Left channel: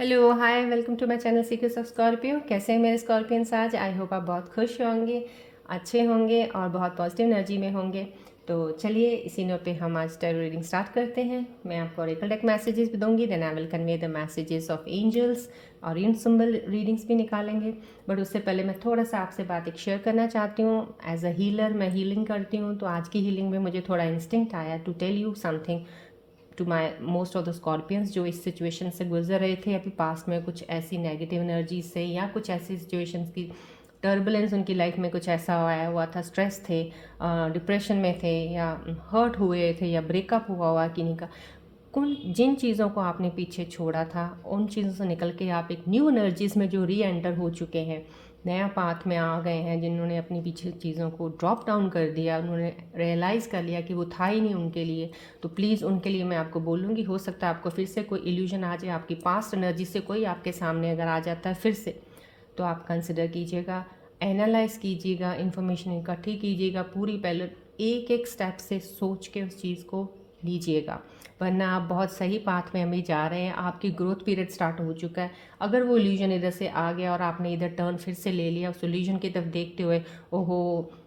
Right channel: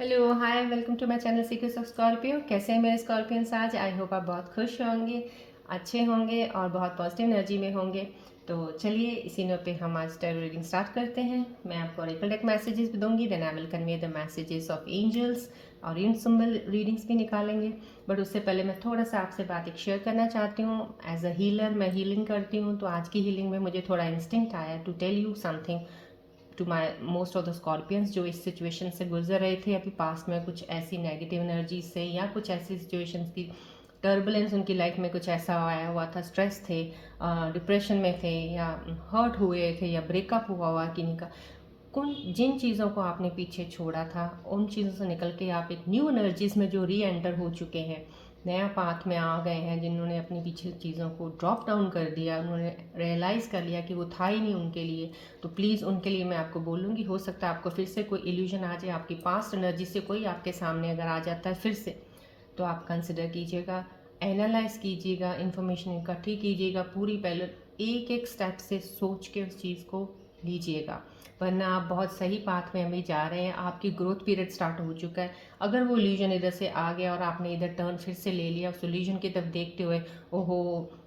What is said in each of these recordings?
Hello hi welcome to my channel secrets of Scorpio. कैसे हैं मेरे स्कॉर्पियंस? आज आई होप आप बहुत खुश होंगे, अच्छे होंगे और बहुत पॉजिटिव एनर्जी में होंगे। तो चलिए इसी नोट पे हम आज टैरो रीडिंग स्टार्ट करते हैं। मैं आपको ओरेकल डेक मैसेजेस भी दूंगी, then I will convey the messages of angels और इन सिंबल रीडिंग्स भी निकालेंगे। बट उससे पहले मैं थोड़ा सा आपसे बात एक शेयर करना चाहती हूँ। एज अ हीलर मैं हीलिंग करती हूँ, तो आज की हीलिंग में मुझे थोड़ा इंस्टिंक्ट आया to tell you something to my most of the Scorpions जो इस सिचुएशन से गुजर रहे थे अभी पास्ट में, कुछ ऐसी नेगेटिव एनर्जी से या कुछ ऐसी सिचुएशंस की टर्बुलेंस उनकी लाइफ में कुछ ऐसा आया हुआ था, स्ट्रेस थे, डिप्रेशन में थे या हर्ट हुए थे या ब्रेकअप हुआ किन्हीं का। कौन जिन चीज़ों को आपने पीछे छोड़ा था उन चीज़ों से निकल के आप एक न्यू एनर्जीज में जो री एंटर हो चुके हैं, नया पाथ में आ गए हैं, जिन्होंने अपनी पिछली चीज़ों को ड्रॉप डाउन कर दिया, उन्होंने रियलाइज़ कर लिया कि वो था ही नहीं उनके लिए। तो प्लीज़ उनके लिए मैं आपको बोलूँगी, हो सकता है आपको फिर से कोई इल्यूजन आ जाए, आपकी पास्ट एनर्जी से कोई आपके सामने अगर आ जाता है फिर से, तो आप कंसिडर कीजिएगा, एनालाइज कीजिएगा, इन्फॉर्मेशन इकट्ठी कीजिएगा, पूरी पहले एक एक स्टेप से सोच के उस चीज़ को लीजिएगा। वरना आप बहुत सही पाथ में अभी जा रहे हैं, आपकी ग्रोथ पीरियड स्टार्ट हो चुका है। अगर वो इल्यूजन इधर से आ गया और आपने इधर टर्न फिर से ले लिया उस इल्यूजन की तरफ देखते हुए, ओहो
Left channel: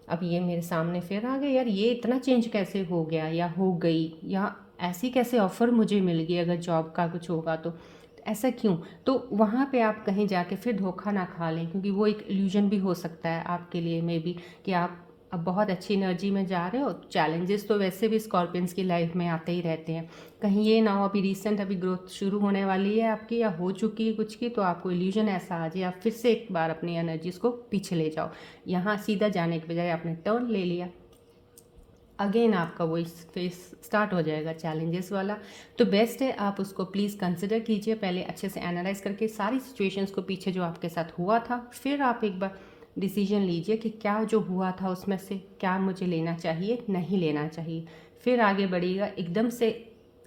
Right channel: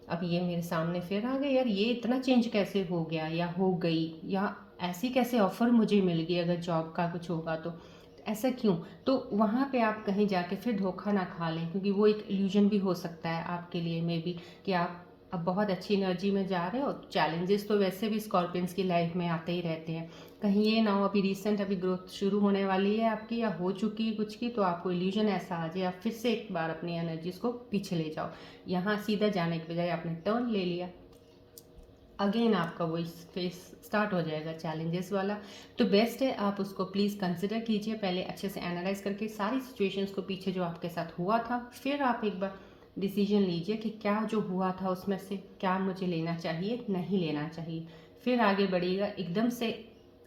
अब ये मेरे सामने फिर आ गए, यार ये इतना चेंज कैसे हो गया या हो गई, या ऐसी कैसे ऑफ़र मुझे मिल गई, अगर जॉब का कुछ होगा तो ऐसा क्यों। तो वहाँ पे आप कहीं जाके फिर धोखा ना खा लें, क्योंकि वो एक इल्यूजन भी हो सकता है आपके लिए मे बी कि आप अब बहुत अच्छी एनर्जी में जा रहे हो। चैलेंजेस तो वैसे भी स्कॉर्पियंस की लाइफ में आते ही रहते हैं, कहीं ये ना हो अभी रिसेंट अभी ग्रोथ शुरू होने वाली है आपकी या हो चुकी है कुछ की, तो आपको इल्यूजन ऐसा आ जाए आप फिर से एक बार अपनी एनर्जीज को पीछे ले जाओ। यहाँ सीधा जाने के बजाय आपने टर्न ले लिया, अगेन आपका वो इस फेस स्टार्ट हो जाएगा चैलेंजेस वाला। तो बेस्ट है आप उसको प्लीज़ कंसिडर कीजिए, पहले अच्छे से एनालाइज करके सारी सिचुएशंस को पीछे जो आपके साथ हुआ था, फिर आप एक बार डिसीजन लीजिए कि क्या जो हुआ था उसमें से क्या मुझे लेना चाहिए, नहीं लेना चाहिए, फिर आगे बढ़िएगा। एकदम से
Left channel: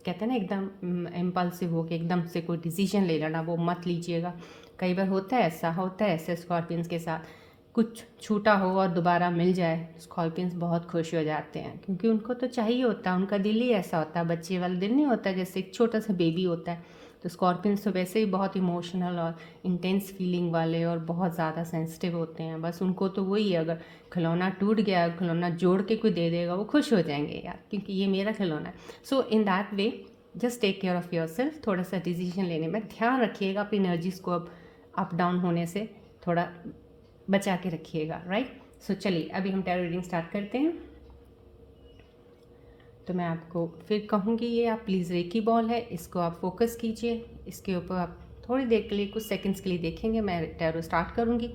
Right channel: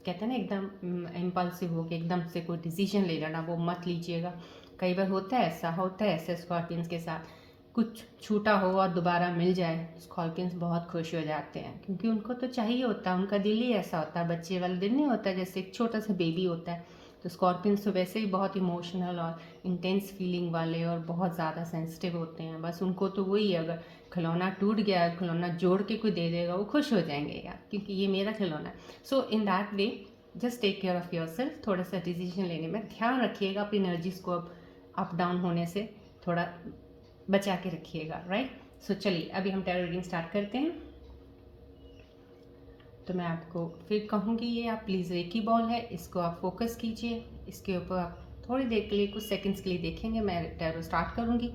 कहते हैं ना एकदम इम्पल्सिव हो के एकदम से कोई डिसीजन ले लेना, वो मत लीजिएगा। कई बार होता है ऐसा, होता है ऐसे स्कॉर्पियंस के साथ, कुछ छूटा हो और दोबारा मिल जाए, स्कॉर्पियंस बहुत खुश हो जाते हैं, क्योंकि उनको तो चाहिए होता है, उनका दिल ही ऐसा होता है, बच्चे वाला दिल नहीं होता जैसे एक छोटा सा बेबी होता है। तो स्कॉर्पियंस तो वैसे ही बहुत इमोशनल और इंटेंस फीलिंग वाले और बहुत ज़्यादा सेंसिटिव होते हैं। बस उनको तो वही है, अगर खिलौना टूट गया, खिलौना जोड़ के कोई दे देगा वो खुश हो जाएंगे, यार क्योंकि ये मेरा खिलौना है। So in that way just take care of yourself. थोड़ा सा डिसीजन लेने में ध्यान रखिएगा, अपनी एनर्जीज को अब अप डाउन होने से थोड़ा बचा के रखिएगा, राइट। सो चलिए अभी हम टैरो रीडिंग स्टार्ट करते हैं। तो मैं आपको फिर कहूँगी, ये आप प्लीज़ रेकी बॉल है, इसको आप फोकस कीजिए, इसके ऊपर आप थोड़ी देर के लिए कुछ सेकंड्स के लिए देखेंगे। मैं टैरो स्टार्ट करूँगी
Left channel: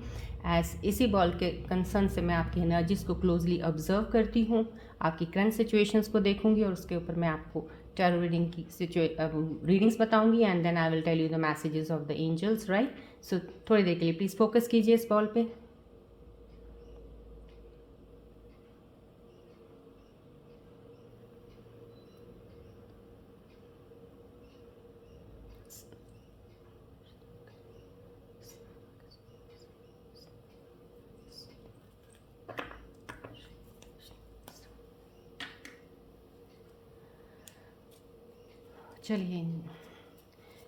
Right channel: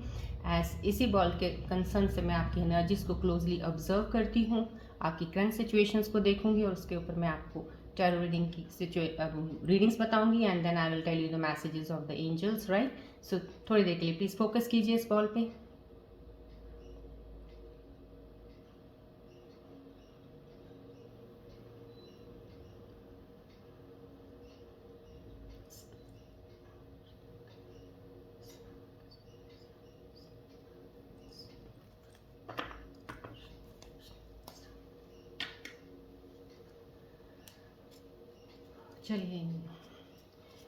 एज इसी बॉल के कंसर्न से मैं आपकी एनर्जीज को क्लोजली ऑब्जर्व करती हूँ, आपकी करंट सिचुएशंस को देखूँगी और उसके ऊपर मैं आपको टैरो रीडिंग की रीडिंग्स बताऊँगी and then I will tell you the messages of the angels, right. So थोड़ी देर के लिए प्लीज़ फोकस कीजिए इस बॉल पे। चलिए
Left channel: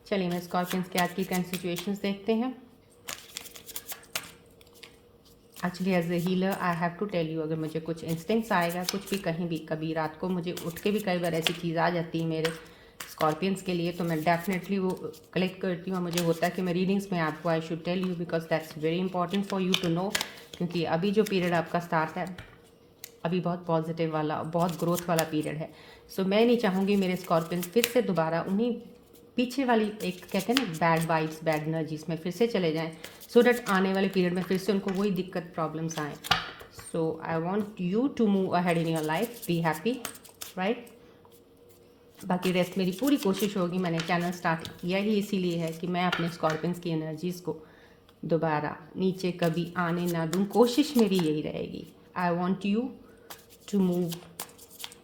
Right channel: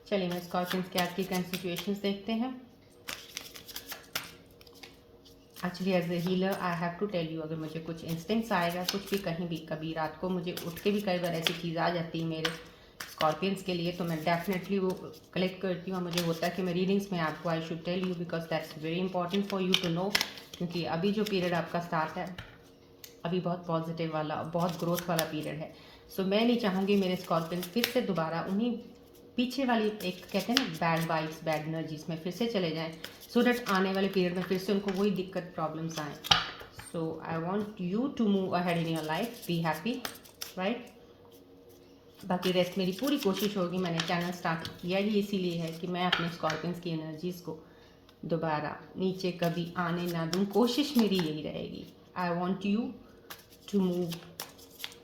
चलिए मैं स्कॉर्पियंस के आज की करंट सिचुएशंस देखते हैं। Actually as a healer I have to tell you, अगर मुझे कुछ इंस्टिंक्ट्स आएगा कुछ भी कहीं भी, कभी रात को मुझे उठ के भी कई बार ऐसी चीज़ आ जाती है मेरे स्कॉर्पियंस के लिए, तो मैं डेफिनेटली वो कलेक्ट करती हूँ। मुझे होता है कि मैं रीडिंग्स में आपको I should tell you because that's very important for you to know, क्योंकि अभी जो पीरियड आपका स्टार्ट है अभी बहुत पॉजिटिव वाला, बहुत ग्रोथ वाला पीरियड है। सो मैं नहीं चाहूँगी मेरे स्कॉर्पियंस फिर से दोबारा उन्हीं पीछे वाली एक कहते हैं ना बैड वाइब्स, बैड एनर्जीज में फिर से चले जाएं, सो डैट आने वाले पीरियड में फिर से उनको वही दिक्कत प्रॉब्लम्स आएँ। So I want you to move ahead in your life, be happy, right. बाकी रेस्ट मेरी पूरी कोशिश होगी, मैंने चैनल स्टार्ट किया ही इसीलिए है कि मैं अपने स्कॉर्पियंस की एनर्जीज़ को दोबारा नीचे कभी आने ना दूँ, कोशिश मेरी यही रहेगी। आई want you to move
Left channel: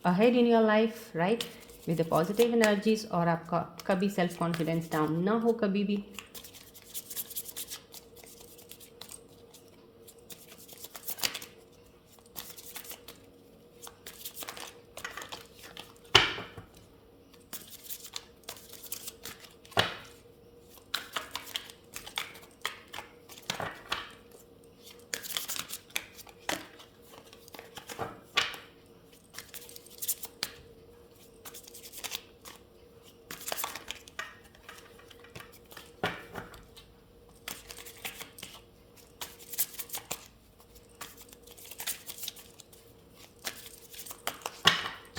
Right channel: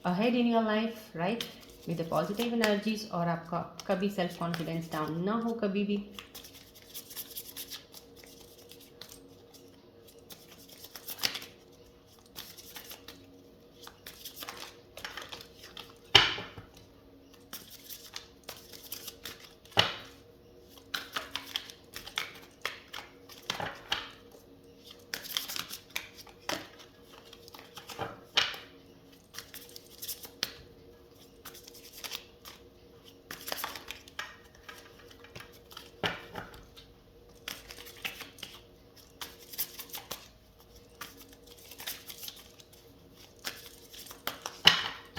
ahead in your life, right, with the positive energies, और आपका कभी सेल्फ कॉन्फिडेंस डाउन ना हो कभी भी।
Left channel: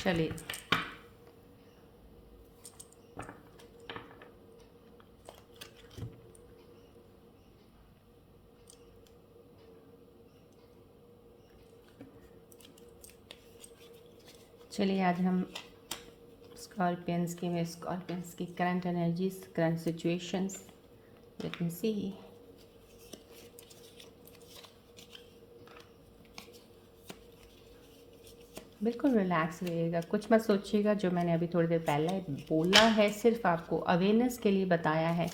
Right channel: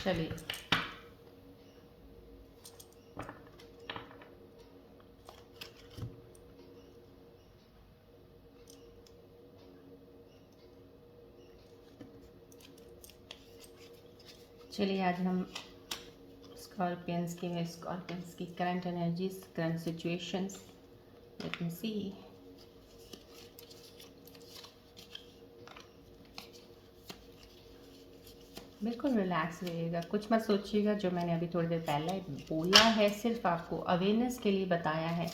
चलिए चलिए आज हम स्कॉर्पियंस की current energies, current situations, let me see. बिल्कुल रिलैक्स रहिएगा, कुछ मत सोचिएगा। जो मैंने अभी थोड़ी देर पहले बोला है सिर्फ आपको अवेयरनेस के लिए बताया है।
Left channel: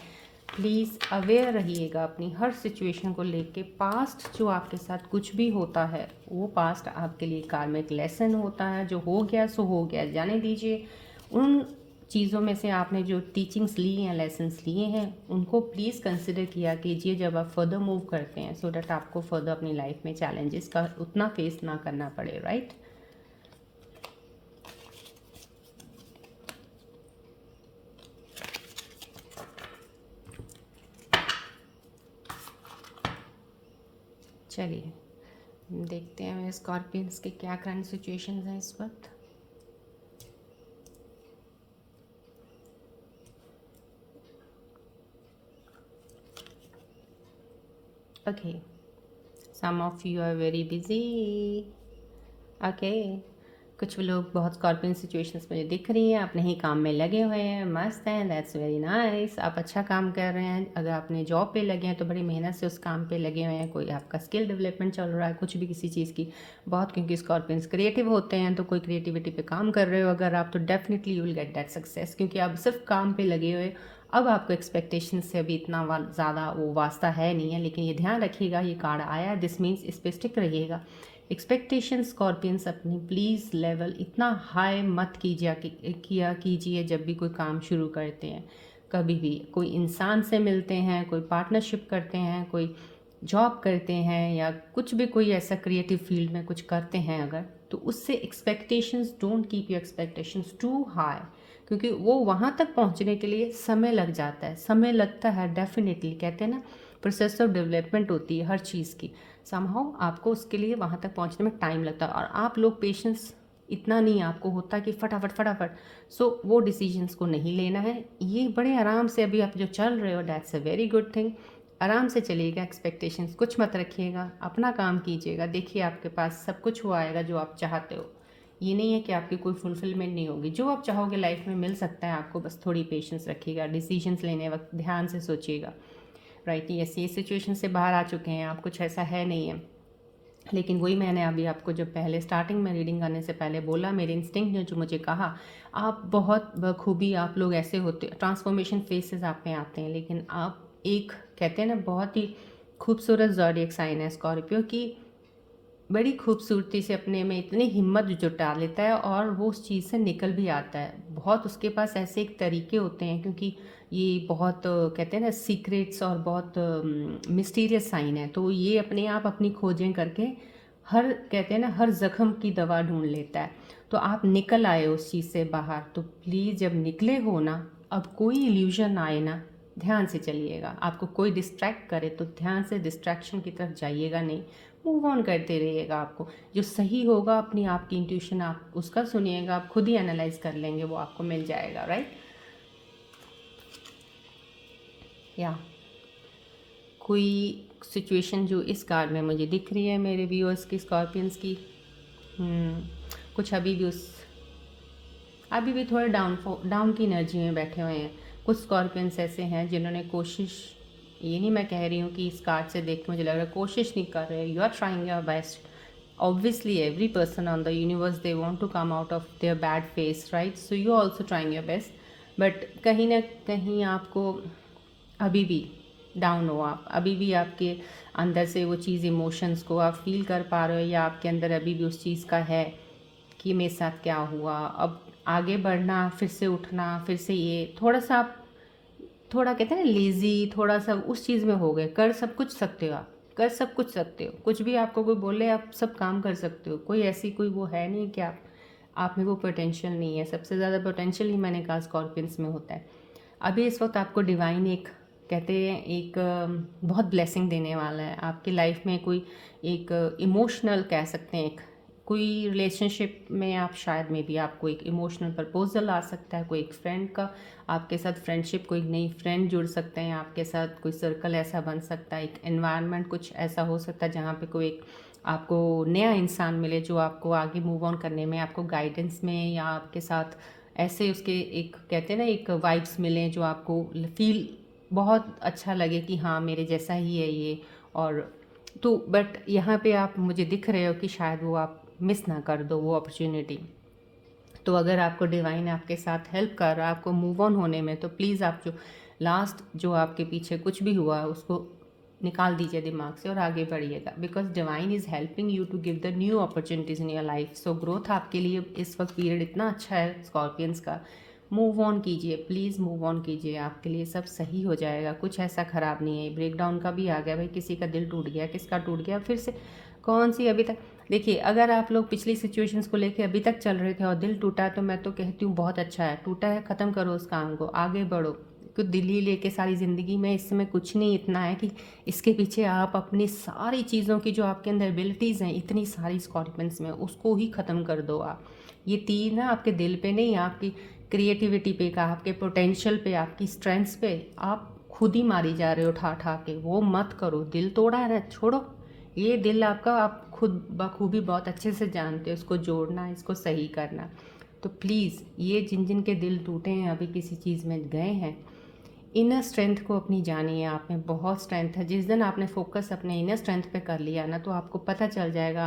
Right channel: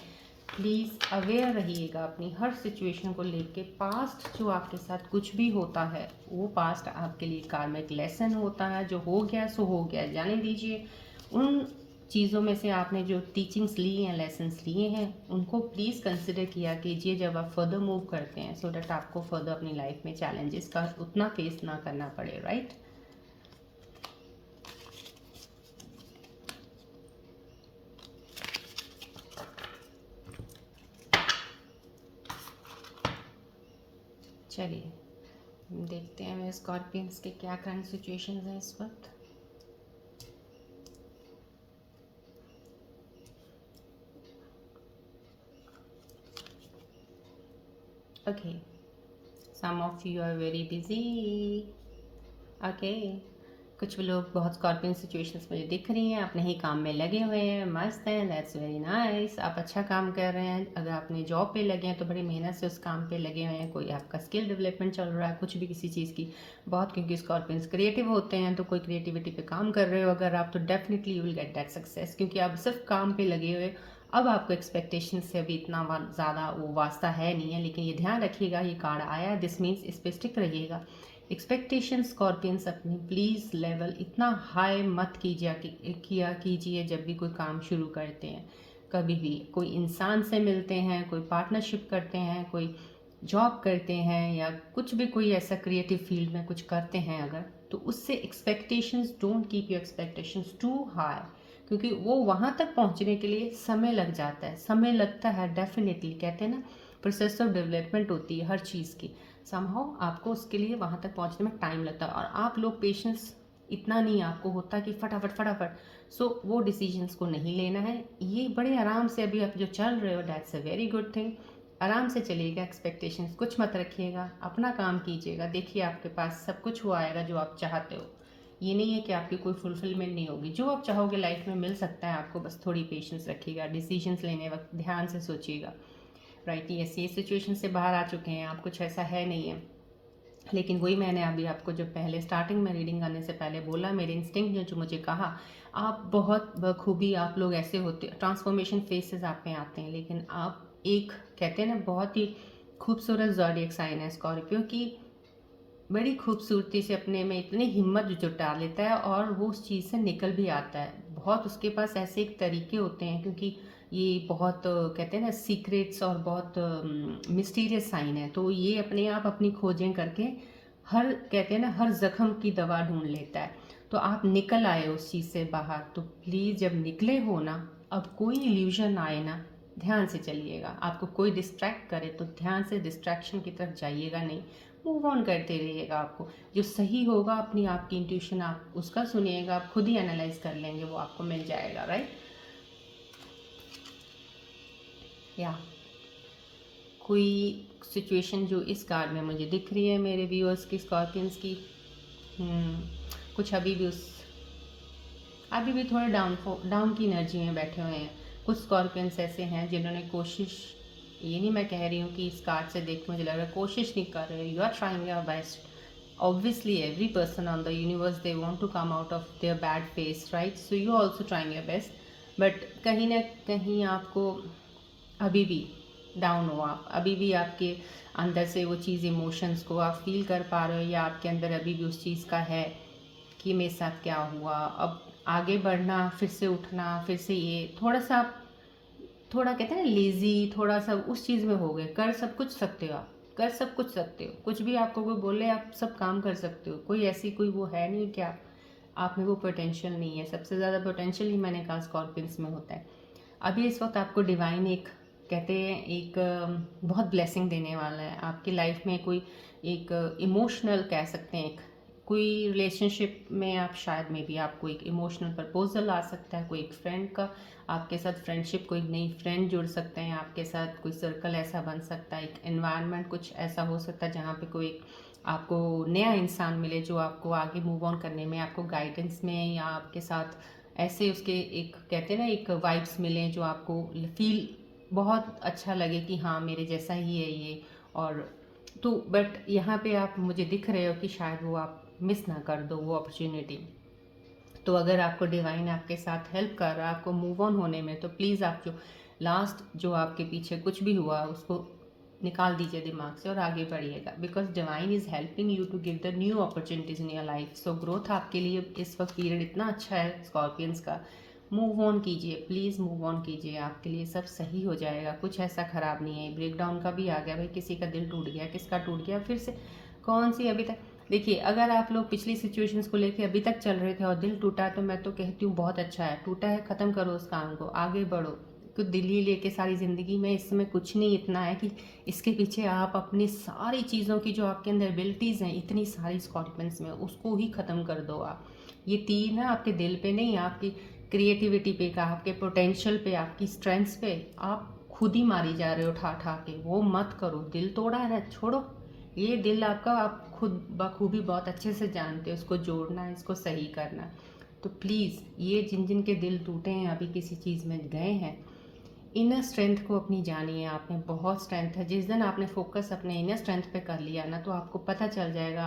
प्लीज़ अवेयर रहिएगा अपनी हर सिचुएशन को लेके। पास्ट जो आपके साथ कुछ भी होता है वो पास्ट आपके लिए कार्मिक लेसन होता है। जो हो गया सो हो गया, जाने दीजिए। उन चीज़ों में से आपने जो टीचिंग्स ली हैं, लेसन्स लिए हैं, उनको प्लीज़ कंसिडर किया कीजिए जब आप फर्दर मूव करते हैं, सो डैट आपको फर्दर अपनी लाइफ में चैलेंजेस का उतना फेस ना करना पड़े, राइट। चलिए देखते हैं मेरे स्कॉर्पियंस के क्या करंट सिचुएशंस हैं इस वक्त। Okay, some of you are very busy. Okay, कुछ लोग बहुत स्कॉर्पियन सिचुएशंस मुझे दिख रही हैं, अपने ही काम में लगे हुए हैं, मस्त हैं, दैट्स वेरी नाइस। आप अच्छा काम कर रहे हैं। अगर आपने जॉब पे लगे हैं तो बड़ी मेहनत से उस काम पे लगे हुए हैं। कोई आपका स्किल डेवलपमेंट चल रहा है, कुछ भी किसी चीज़ की बहुत, क्योंकि स्कॉर्पियंस क्रिएटिव होते हैं, तो कोई क्रिएटिविटी पे काम कर रहे हो अगर आप, तो definitely you will get that success, क्योंकि आप सिर्फ काम पे लगे हुए। अब आपको एक्सपेक्टेशन से अभी इतना ज़्यादा वो वास्ता है नहीं है, लेकिन ये ध्यान रखिएगा, ये कार्ड आया है, दिस मीन्स इस पर स्टिक रहिएगा। एक्सपेक्टेशन स्कॉर्पियंस अपनी प्लीज़ लेवल इतना हाई मत किया कीजिए जब भी कोई काम शुरू करते हैं। कभी भी कोई इंसान से मिलते हैं, कोई पार्टनरशिप करते हैं, कोई जॉब करते हैं, या कुछ भी कोई ऐसा क्रिएटिव फील्ड में कुछ करते हैं अगर, तो उससे expectations, don't keep your expectations too high, क्योंकि वो वहाँ तक पहुँचने के लिए समय लग जाता है। समय लगता है डेफिनेटली, कहते हैं ना प्रोसेस ऑफ डेवलपमेंट होती है हर चीज़ की। समहाउ आपको उसके लिए वहाँ तक पहुँचने में टाइम लगता है, और आप लोग पेशेंस इतना नहीं आपको होता कि फटाफट फटाफट, सो वो डिसीजंस को नहीं लेना है। ये बड़े आराम से अभी आप जो चल रहे हो, that's a very good thing. आराम से चलिएगा, एक्सपेक्टेशंस कुछ मत रखिएगा, अपना काम कीजिएगा। देखिए आपके पास सब कुछ वो आएगा जो आप चाहते हो। ये नहीं है कि आपकी कोई फुलफिलमेंट नहीं होगी, जो आप चाहोगे लाइफ में मिल सकता है आपको, बस थोड़ी पेशेंस रखिएगा। डिसीजंस लेने वक्त ध्यान से सोचिएगा, राइट। यस, ये सिचुएशन से बाहर आ चुके हैं आप, कुछ ऐसा है नहीं है। लेकिन वही मैंने अभी आपको जो पहले स्टार्टिंग में रीडिंग करने से पहले बोला, मेरे इंस्टिंक्ट ने जो मुझे कहा, आप बहुत बखूबी, आप लोग ऐसे होते, ट्रांसफॉर्मेशन फेसेस आप में आते हैं, लेकिन आप एक, कहते हैं ना, बहुत ही खूबसूरत ज़ोडिएक साइन है स्कॉर्पियो की। बड़ी खूबसूरती से अपने में इतनी हिम्मत जुटा लेता है और वो उस चीज़ से निकल भी आता है। बहुत उसके पास ऐसे एक तरीके होते हैं, क्योंकि ये बहुत कहते हैं ना सीक्रेट्स, और बहुत मिस्टीरियस साइन है, तो ये अपने आप अपनी खोजें करके हर, कहते हैं ना, हर जख्म की दवा ढूंढ लेता है। तो आप निकल आए उस चीज़ से बाहर, तो प्लीज़ जब निकले हो ना, अब कोई इल्यूजन आए ना, ध्यान से चलिएगा। आपको कोई डिस्ट्रैक्ट करे तो ध्यान से डिस्ट्रैक्शन की तरफ जाइएगा नहीं, मूव ऑन करते रहिएगा। आपको जो सही होगा, अपनी आपकी इंट्यूशन, आप उसका सुनिएगा, आप खुद ही एनालाइज कर लेंगे, वो आपको मिल जाएगा, राइट। या कोई सिचुएशन जो इस कार्ड में मुझे दिख रही है मेरे व्यूअर्स की, स्कॉर्पियंस की, कुछ अभी भी थोड़े डाउन की एनर्जी में बैठे हुए हैं। कुछ स्कॉर्पियंस ऐसे हैं जिन्होंने कोशिश, ये नहीं मैं कह रही हूँ कि इस कार्ड से देख के मुझे लग रहा है कोशिश नहीं कर रहे, you are trying your best. obviously every person on the universe, they want to come out of their bad phase, right? So you also trying your best, but कहीं ना कहीं आपको अभी भी डाउन हो, आप अभी भी आपके अंदर से वो चीज़, इमोशंस को आप फील कर पा रहे हो, या आपके अंदर अभी भी उस चीज़ का है कि मेरे साथ क्या हुआ। अब आगे बढ़ना, फिर से उठना, फिर से ये थोड़ा सा आप, थोड़ा कहते हैं ना लेज़ी, थोड़ा सा उस चीज़ में हो गए। कर सब कुछ सकते हो आप, कर सब कुछ सकते हो, कुछ भी आपको कोई बोले आप सब काम कर सकते हो। कोई ऐसी कोई वो है नहीं कि आप में वो पोटेंशियल नहीं है। सबसे ज़्यादा पोटेंशियल ही मैंने कहा स्कॉर्पियंस में होता है। अभी इस वक्त आपको डिवाइन एक, कहते हैं एक बहुत ब्लेसिंग देने वाला है आपकी लाइफ में। कोई एक इमोशनल कह सकते हैं, एक कोई रिलेशनशिप में आप शायद में भी आपको एक इमोशनल प्रपोजल आ सकता है, कोई एक फ्रेंड का आपके साथ फ्रेंडशिप, कोई नई फ्रेंड जुड़ सकते हैं आपके साथ, कोई सर्कल ऐसा बन सकता है, एक एनवायरनमेंट कुछ ऐसा हो सकता है जहाँ पे कोई एक आपको नया इंसान मिले जो आपको आगे मूव ऑन करने में, आपको गाइडेंस में, या आपके साथ ऐसे उसके एक कहते हैं ना एक वाइब्स मिलें जो आपको फील बहुत अच्छा लगे कि हाँ मेरे जैसा ही है ये। और तो बट यहाँ पे आप मुझे दिख रहे हो कि शायद वो आप मिस ना कर दो वो अपॉर्चुनिटी। तो अगर आपको डिवाइन आपके साथ हेल्प कर रहा है आपको मूव ऑन होने में, तो प्लीज़ आप जो लास्ट जो आपके पीछे कुछ भी हुआ उसको निकाल दीजिए दिमाग से और आगे बढ़िएगा, because divine is helping you to give the new opportunities in your life. So growth आपके लिए इस वक्त पीरियड इतना अच्छा है स्कॉर्पियंस का। मूव ऑन कीजिए, प्लीज़ मूव ऑन कीजिए, आपके लिए सब सही हो जाएगा, कुछ ऐसा ख़राब नहीं है। ब्रेक डाउन का भी आ गया भाई, किसी का दिल टूट गया, किसका टूट गया, फिर से कौन सी अभी तक देखिए, अगर आप लोग पिछली सिचुएशंस को लेके अभी तक चल रहे थे और दिल टूटा, तो मैं तो कहती हूँ बहुत अच्छा है, टूटा है ख़त्म करो उस काम को, आगे बढ़ो। कुछ दिल्ली लेके सारी ज़िंदगी में इस समय कुछ नहीं, इतना है कि इसके पीछे आप अपनी सारी चीज़ों की जो आपके अंदर एबिलिटीज़ हैं इतनी सारी स्कॉर्पियंस में, उसको ही ख़त्म कर दो आप। ये तीर ना आपके दिल पे नहीं, आपकी क्रिएटिविटी पे का, आपके पोटेंशियल पे, आपकी स्ट्रेंथ्स पे आप खुद ही मारी जा रहे हो ठा ठा के, वो मत करो। दिल तोड़ा है छोड़ो, ये दिल आपका आप खुद बखूबी बहुत अच्छे से जानते हो, इसको जोड़ना, इसको सही करना। तो प्लीज़ ये जिन जिन के दिल टूटे हैं, अभी किसी चीज़ में गए हैं, इनर स्ट्रेंथ को अपनी जानिए, आप में बहुत स्ट्रेंथ है। जिस दिन आपने फोकस अपने इनर स्ट्रेंथ पे कर लिया ना, तो आपको पता चल जाएगा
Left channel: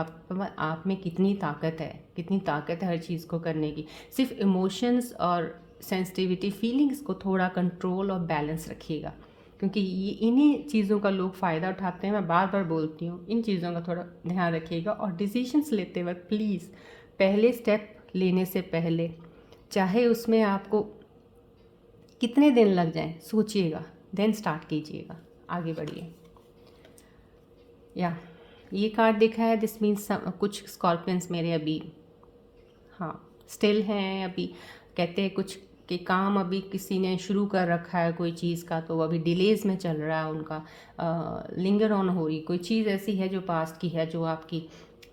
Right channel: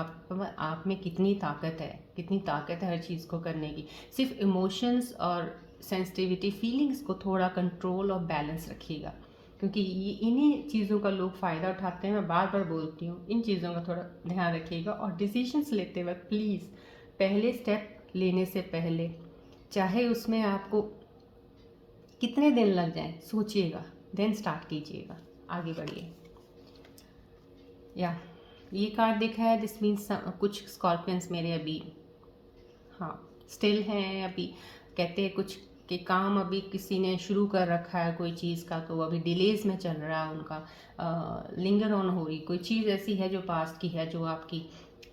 आप में कितनी ताकत है, कितनी ताकत है हर चीज़ को करने की। सिर्फ इमोशंस और सेंसिटिविटी फीलिंग्स को थोड़ा कंट्रोल और बैलेंस रखिएगा, क्योंकि ये इन्हीं चीज़ों का लोग फ़ायदा उठाते हैं। मैं बार बार बोलती हूँ, इन चीज़ों का थोड़ा ध्यान रखिएगा। और डिसीजंस लेते वक्त प्लीज़ पहले स्टेप लेने से पहले, चाहे उसमें आपको कितने दिन लग जाएं, सोचिएगा, देन स्टार्ट कीजिएगा, आगे बढ़िए। या ये कार्ड देखा है, दिस मीन्स कुछ स्कॉर्पियंस मेरे अभी हाँ स्टिल हैं, अभी कहते हैं कुछ के काम अभी किसी ने शुरू कर रखा है कोई चीज़ का, तो अभी डिलेज में चल रहा है उनका, लिंगर ऑन हो रही कोई चीज़ ऐसी है जो पास्ट की है, जो आपकी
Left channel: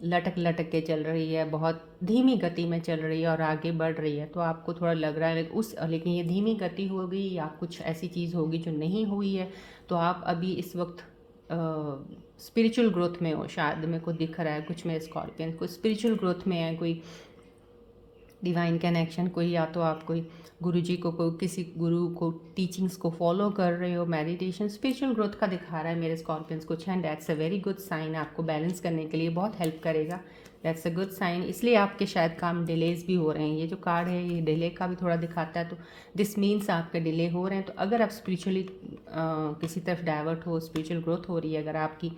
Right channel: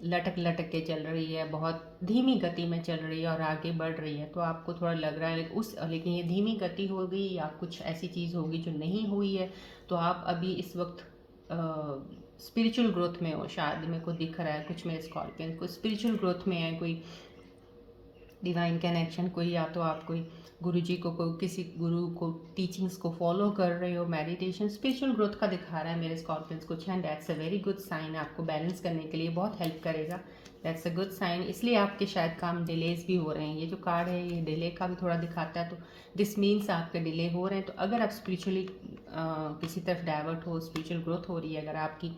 लटक लटक के चल रही है, बहुत धीमी गति में चल रही है और आगे बढ़ रही है। तो आपको थोड़ा लग रहा है लेकिन ये धीमी गति हो गई या कुछ ऐसी चीज़ होगी जो नहीं हुई है, तो आप अभी इस वक्त स्पिरिचुअल ग्रोथ में हो। शायद मेरे को दिख रहा है कुछ मेरे स्कॉर्पियन को स्पिरिचुअल ग्रोथ में है, कोई डिवाइन कनेक्शन, कोई या तो आप कोई गुरु जी को, कोई किसी गुरु को टीचिंग्स को फॉलो कर रहे हो, मेडिटेशन, स्पिरिचुअल ग्रोथ का दिखा रहा है मेरे स्कॉर्पियंस कुछ, and that's a very good sign. आपको बैलेंस करने के लिए बहुत हेल्प करेगा, दैट्स अ गुड साइन। इसलिए आपके शायद काम डिलेज भी हो रहे हैं। ये जो कार्ड है ये डिले का भी थोड़ा दिखाता है, तो दिस मीन्स आपके डिले हो रहे हैं। तो अगर आप स्पिरिचुअली किसी तरफ डाइवर्ट हो, स्पिरिचुअल ग्रोथ हो रही है अगर आपकी,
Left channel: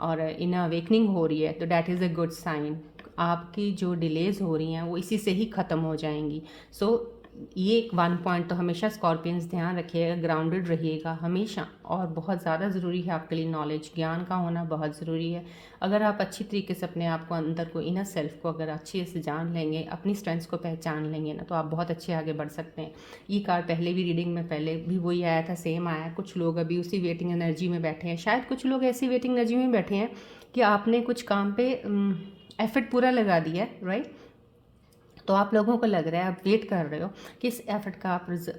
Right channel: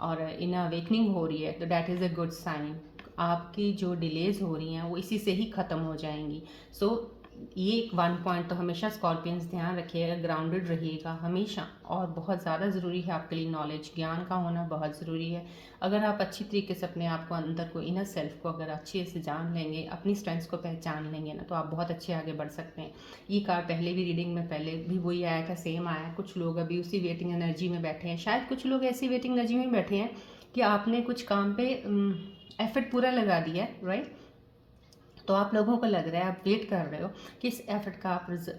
और इन अवेकनिंग हो रही है, तो that is a good sign. आपकी जो डिलेज हो रही हैं वो इसी से ही ख़त्म हो जाएंगी। सो ये एक वन पॉइंट तो हमेशा स्कॉर्पियंस ध्यान रखिएगा, ग्राउंडेड रहिएगा हमेशा। और बहुत ज़्यादा ज़रूरी है आपके लिए नॉलेज, ज्ञान का होना बहुत ज़रूरी है। अगर आप अच्छी तरीके से अपने आप को, अंदर को, इनर सेल्फ को अगर अच्छे से जान लेंगे, अपनी स्ट्रेंथ्स को पहचान लेंगे ना, तो आप बहुत अच्छे आगे बढ़ सकते हैं। ये कार्ड पहले भी रीडिंग में पहले भी वही आया था, सेम आया है। कुछ लोग अभी उसी वेटिंग एनर्जी में बैठे हैं, शायद कुछ लोग ऐसी वेटिंग एनर्जी में बैठे हैं कि आपने कुछ काम पे एफर्ट पूरा लगा दिया है, राइट। तो आप लोगों को लग रहा है, आप वेट कर रहे हो कि इस एफर्ट का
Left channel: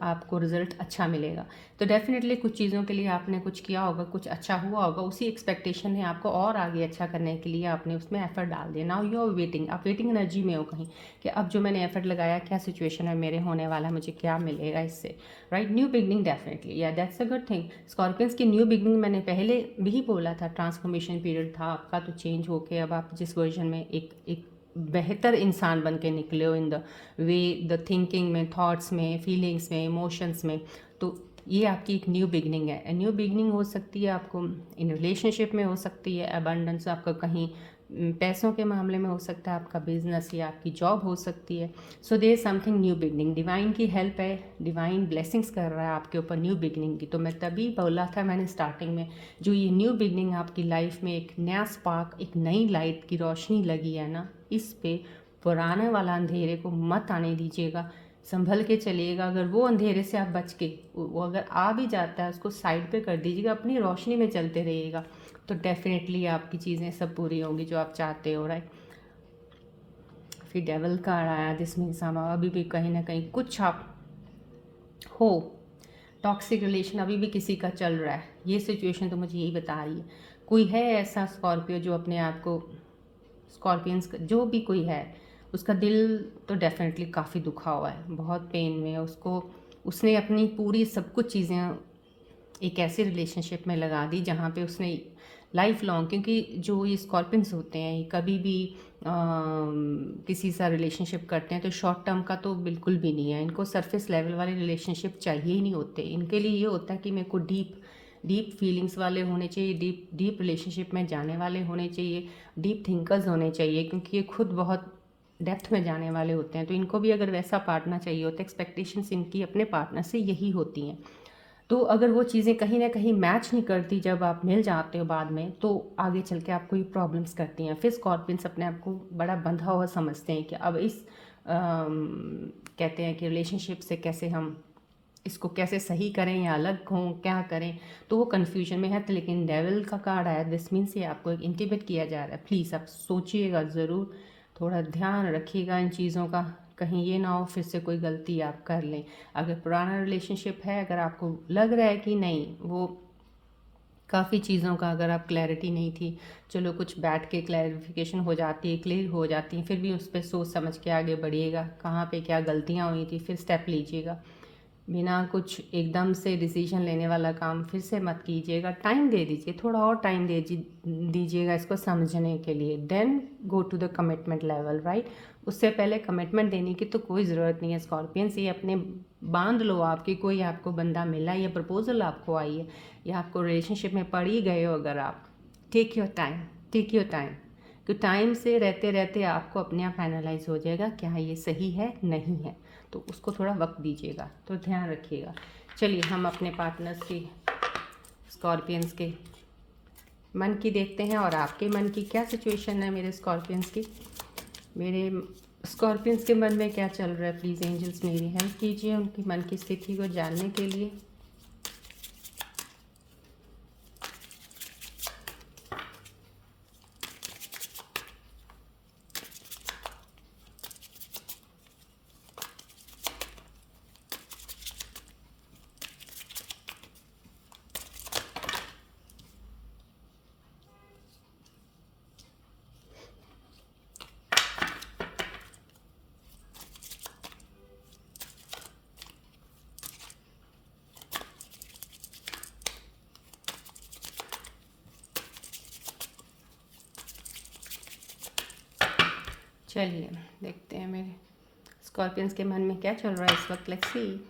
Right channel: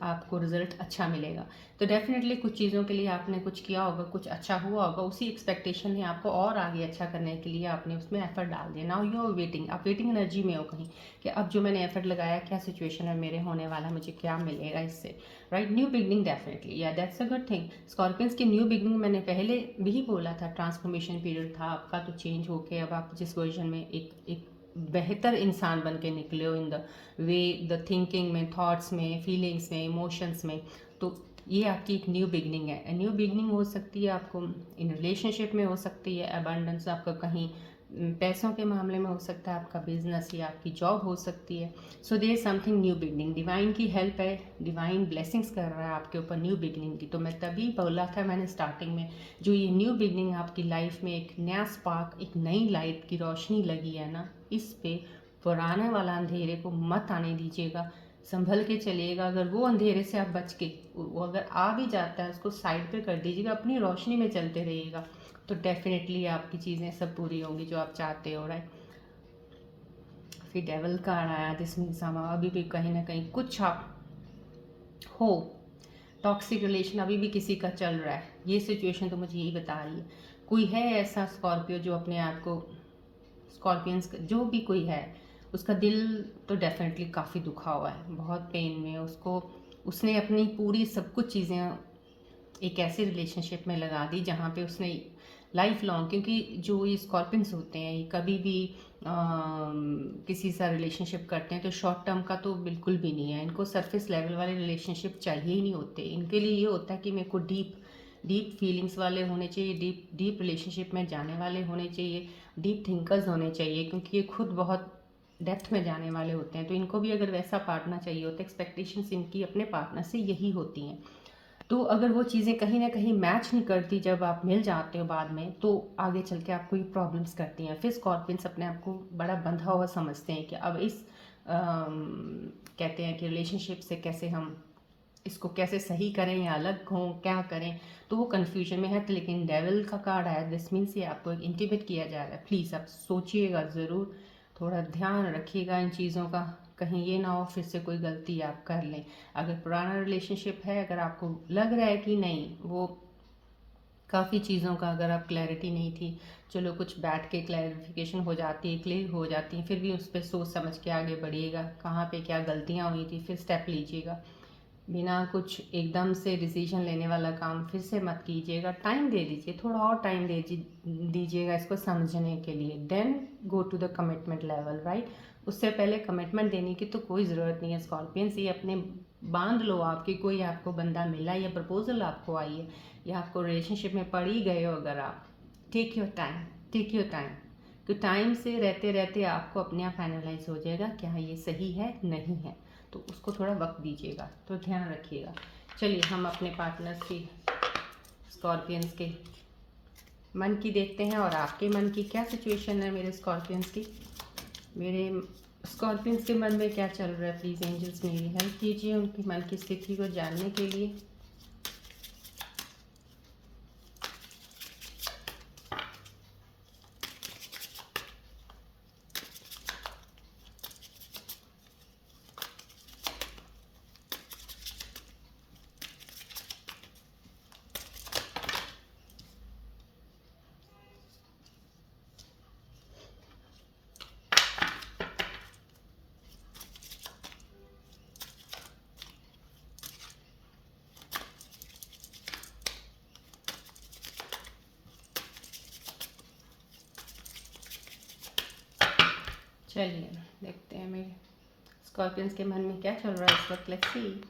आपको रिजल्ट अच्छा मिलेगा। तो डेफिनेटली कुछ चीज़ों के लिए आपने कुछ किया होगा, कुछ अच्छा हुआ होगा, उसी एक्सपेक्टेशन है आपको और आगे अच्छा करने के लिए आपने उसमें एफर्ट डाल दिया। नाउ यू आर वेटिंग, आप वेटिंग एनर्जी में हो कहीं कि अब जो मैंने एफर्ट लगाया, क्या सिचुएशन है मेरे होने वाला, मुझे क्या मिलेगा इससे, राइट। न्यू बिगनिंग डेफिनेटली, या that's a good thing. Scorpions की न्यू बिगनिंग मैंने पहले भी बोला था, ट्रांसफॉर्मेशन पीरियड था आपका, तो चेंज होके अब आप जिस वर्जन में एक बेहतर इंसान बन के निकले हो, in the way, the thinking में, थॉट्स में, फीलिंग्स में, इमोशंस में। तो ये आपकी एक न्यू बिगनिंग है। न्यू बिगनिंग हो सकती है आपको इन रिलेशनशिप में, हो सकती है अबंडेंस आपका कहीं पैसों के मामले में हो सकता है, आपका बिजनेस या आपकी जॉब हो सकती है। So there something new beginning, divine की हेल्प है, डिवाइन ब्लेसिंग्स कर रहा है आपके ऊपर न्यू बिगनिंग की। तो मैं तभी बोला था मैंने स्टार्टिंग में, जो ये न्यू बिगनिंग आपकी लाइफ में एक नया स्पार्क, एक नई लाइट की रोशनी लगी है ना, इस पे पुराने वाला अंधेरे को मत आने दीजिएगा, संभल के चलिएगा। अगर वो अंधेरे से आप बच के, वो अगर आ भी जाता है उसको साइड पे कर दीजिएगा, अपनी रोशनी में चलते रहिएगा, तो डेफिनेटली आपकी चीज़ें सब पूरी होंगी जो आप चाहते हो, राइट। फिर डेवल कार्ड आया, दिस मीन्स हम अभी भी कहीं ना कहीं कुछ आप हो, टॉक्सिक रिलेशन अभी भी किसी का चल रहा है, ये सिचुएशन तो मुझे यही बता रही है। कोई है ऐसा स्कॉर्पियो जो अपने आप को, स्कॉर्पियंस जो भी कोई है, उसका दिल तो डेफिनेटली काफ़ी दुखा हुआ है, बहुत पेन में है उसको। उसने अपनी पूरी सब कुछ चीज़ें एक ऐसे रिलेशनशिप में लगा दी जहाँ पे उसने लाइफ लॉन्ग, क्योंकि जो ये स्कॉर्पियंस होते हैं ये कभी भी किसी सा रिलेशनशिप करते हैं तो शॉर्ट टर्म का तो बिल्कुल भी नहीं है। इनको सरफेस लेवल वाले रिलेशनशिप चाहिए ही नहीं होते। इनके लिए ये होता है कि मेरे को डीप डीप फीलिंग्स वाले होने चाहिए, डीप डीप रिलेशनशिप में जाने वाले होने चाहिए, डीप थिंकर्स होने चाहिए, क्योंकि ये खुद बहुत डेप्थ में जाने वाले होते हैं। तो इनको भी अगर वैसा पार्टनर चाहिए होता है, एक्सपेक्टेशंस इनकी अपने पार्टनर से यही होती हैं। तो अगर वो चीज़ें कहीं ना कहीं मैच नहीं करती जब आप मिल जाते हो बाद में, तो आगे चल के आपको ये प्रॉब्लम्स करती हैं। फिर स्कॉर्पियंस अपने आप को बड़ा बंधा हुआ समझते हैं कि अब इस कहते हैं कि रिलेशनशिप से कैसे हम इसको कैसे सही करें या अलग हों, क्या करें, तो वो कन्फ्यूजन में है। तो लेकिन डेविल का कार्ड आया, दिस मीन्स ये आपको एक इंटीमेट किया जा रहा है। प्लीज़ आप सोचिएगा ज़रूर, थोड़ा ध्यान रखिएगा इन चीज़ों का, कहीं ये ना हो फिर से कोई गलती आप कर लें। अगर पुराना रिलेशनशिप है, अगर आपको लग रहा है कि नहीं वो काफ़ी चीज़ों का अगर आप क्लैरिटी नहीं थी, चलो कुछ बैठ के क्लैरिफिकेशन हो जाती है, क्लियर हो जाती है, फिर भी उस पर सोच समझ के आगे बढ़िएगा, कहाँ पे क्या गलतियाँ हुई थी, फिर स्टेप लीजिएगा। बिना कुछ एकदम से डिसीजन लेने वाला काम फिर से मत कीजिएगा। टाइम दे दीजिए, थोड़ा और टाइम दे दीजिएगा इसको समझने के लिए। Then go to the commitment level, right. उससे पहले कमिटमेंट देने की तो कोई ज़रूरत नहीं है। स्कॉर्पियंस ये अपने बांध लो, आपकी कोई आपको बंदा मिला, या प्रपोजल आपको आई है, या आपको रिलेशनशिप में पड़ ही गए हो, अगर आप take your time, take your time, कि टाइम से रहते रहते आपको अपने आप फाइनलाइज हो जाएगा क्या ये सही है नहीं है, तो उसको थोड़ा वक्त दीजिएगा, तो ध्यान रखिएगा। चलिए हम अपने पार्टनर्स की, स्कॉर्पियंस के मन की देखते हैं, और आपके मन की क्या सिचुएशन है मेरे स्कॉर्पियंस की। मेरे स्कॉर्पियंस के मन में क्या चल रहा है, प्लीज़ एंजल्स मेरी हेल्प कीजिए उनकी मन की स्थिति को जानने के लिए। चलिए देखते हैं मेरे स्कॉर्पियंस के मन में क्या चल रहा है इस वक्त। Let's see.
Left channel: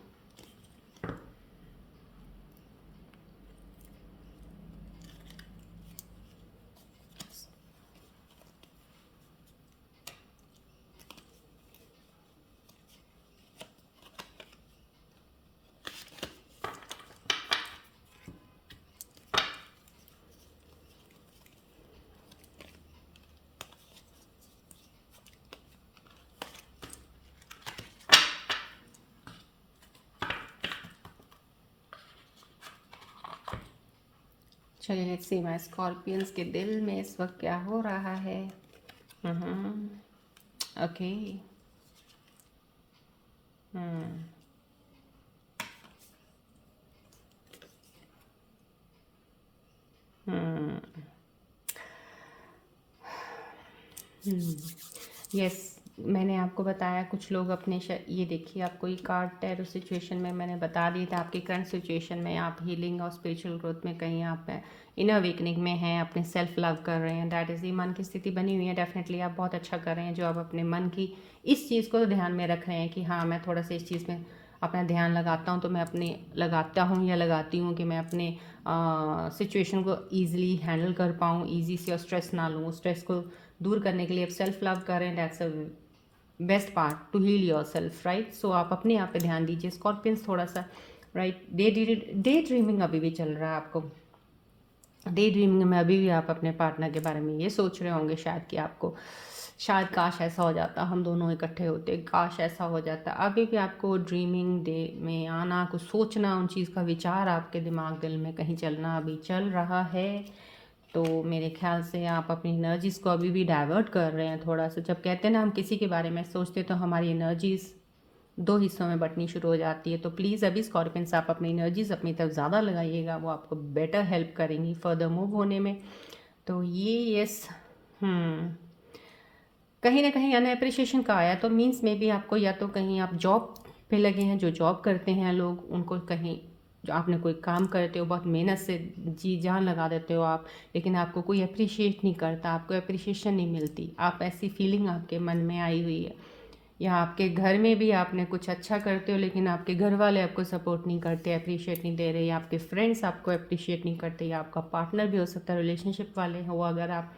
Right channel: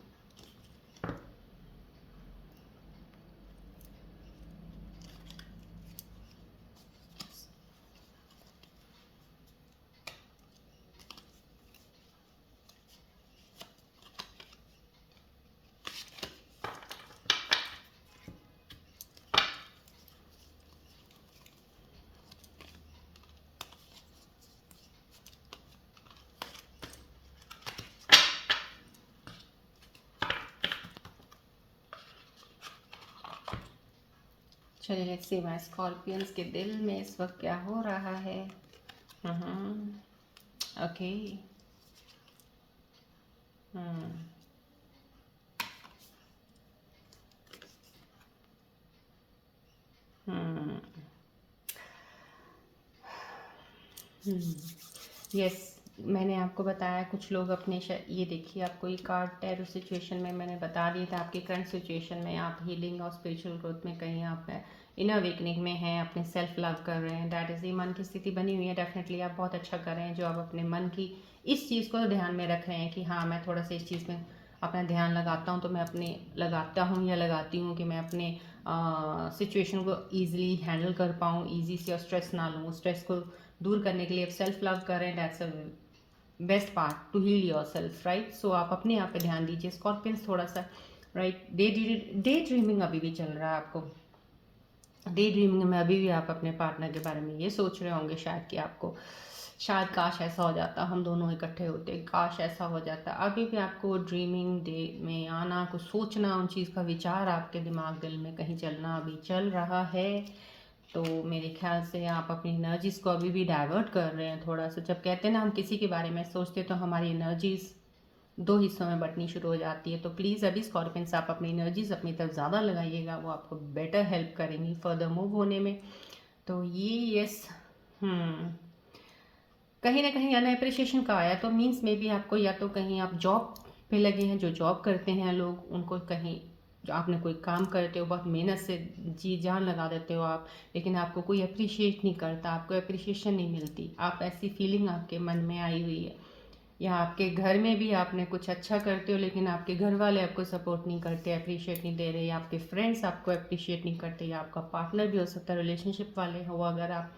चलिए लेट्स सी माय स्कॉर्पियंस के दिल में इस वक्त क्या हो रहा है। ओके। यस, मैंने आपको बताया कुछ लोग अपने ये देखिए, आपको ये कार्ड टैरो सिचुएशन में मैंने बता दिया था, आपकी करंट सिचुएशन में आप हीलिंग और स्पिरिचुअल ग्रोथ में कहीं आप इनर अवेकनिंग में हैं, अपने सेल्फ लव कर रहे हैं, दैट इज़ ये मन की स्थिति बनी हुई है। डेफिनेटली आप बहुत अच्छा कर रहे हैं जो आप अपने मन की इस चीज़ को तो ध्यान में रख रहे हैं कि हाँ मैं थोड़ा सा इस चीज़ में अपना ध्यान लगाता हूँ, तो मैं अपने लगाता हूँ या लगाती हूँ कि मैं अपने सिचुएशन को ईजिली हैंडल कर पाऊँ, ईजी से, और स्ट्रेस ना लूँ। स्ट्रेस को दूर करने के लिए आप सेल्फ लव करें, that's a best part to heal yourself, right. So आप अपने आप पे ध्यान दीजिए स्कॉर्पियंस थोड़ा सा, राइट। डे ड्रीमिंग अभी भी चल रहा है आपको। डे ड्रीमिंग में अभी भी आप अपने पार्टनर के बारे में ये सोच रहे होंगे शायद कि आपको, शायद काश ऐसा हो जाता, हम दोनों इकट्ठे होते, काश ऐसा हो जाता। अभी भी आपको ड्रीमिंग डे में आना, कुछ सोचना, उन चीज़ का विचार आपके दिमाग दिल में कहीं चलना अभी चल रहा है। तो मेरे ख्याल से आप अपनी एनर्जीज़ को अभी भी डाइवर्ट कर रहे हैं थोड़ा सा। जब कहते हैं ना हम किसी के बारे में सोचते तो हमारी एनर्जीज़ दो हिस्सों में बँटनी शुरू हो जाती है। तो प्लीज़ अभी स्कॉर्पियंस आप अपनी एनर्जीज़ अपनी तरफ ज़्यादा लगाइएगा, वो आपको बेटर हेल्प करेंगी फर्दर मूव होने में। तो ये यस कहीं ना कहीं अनएप्रिशिएशन का आया तो मीन्स में भी आपको या तो कहीं आप जॉब पे लगे हैं, जो जॉब करते हैं लोग उनको कहीं जो आपने कोई काम करते हो बहुत मेहनत से जी जान लगा देते हो आप, लेकिन आपको कोई अप्रिशिएट नहीं करता, आपको अप्रिशिएशन नहीं मिलती, आप ऐसी फीलिंग आपके मन में आई हुई है। या आपके घर में भी आपने कुछ अच्छा करते हो लेकिन आपके घर वाले आपको सपोर्ट नहीं करते, अप्रिशिएट नहीं दे रहे, या आपके फ्रेंड्स आपको अप्रिशिएट नहीं करते, या आपका पार्टनर भी हो सकता है रिलेशनशिप वाले हो अगर आप,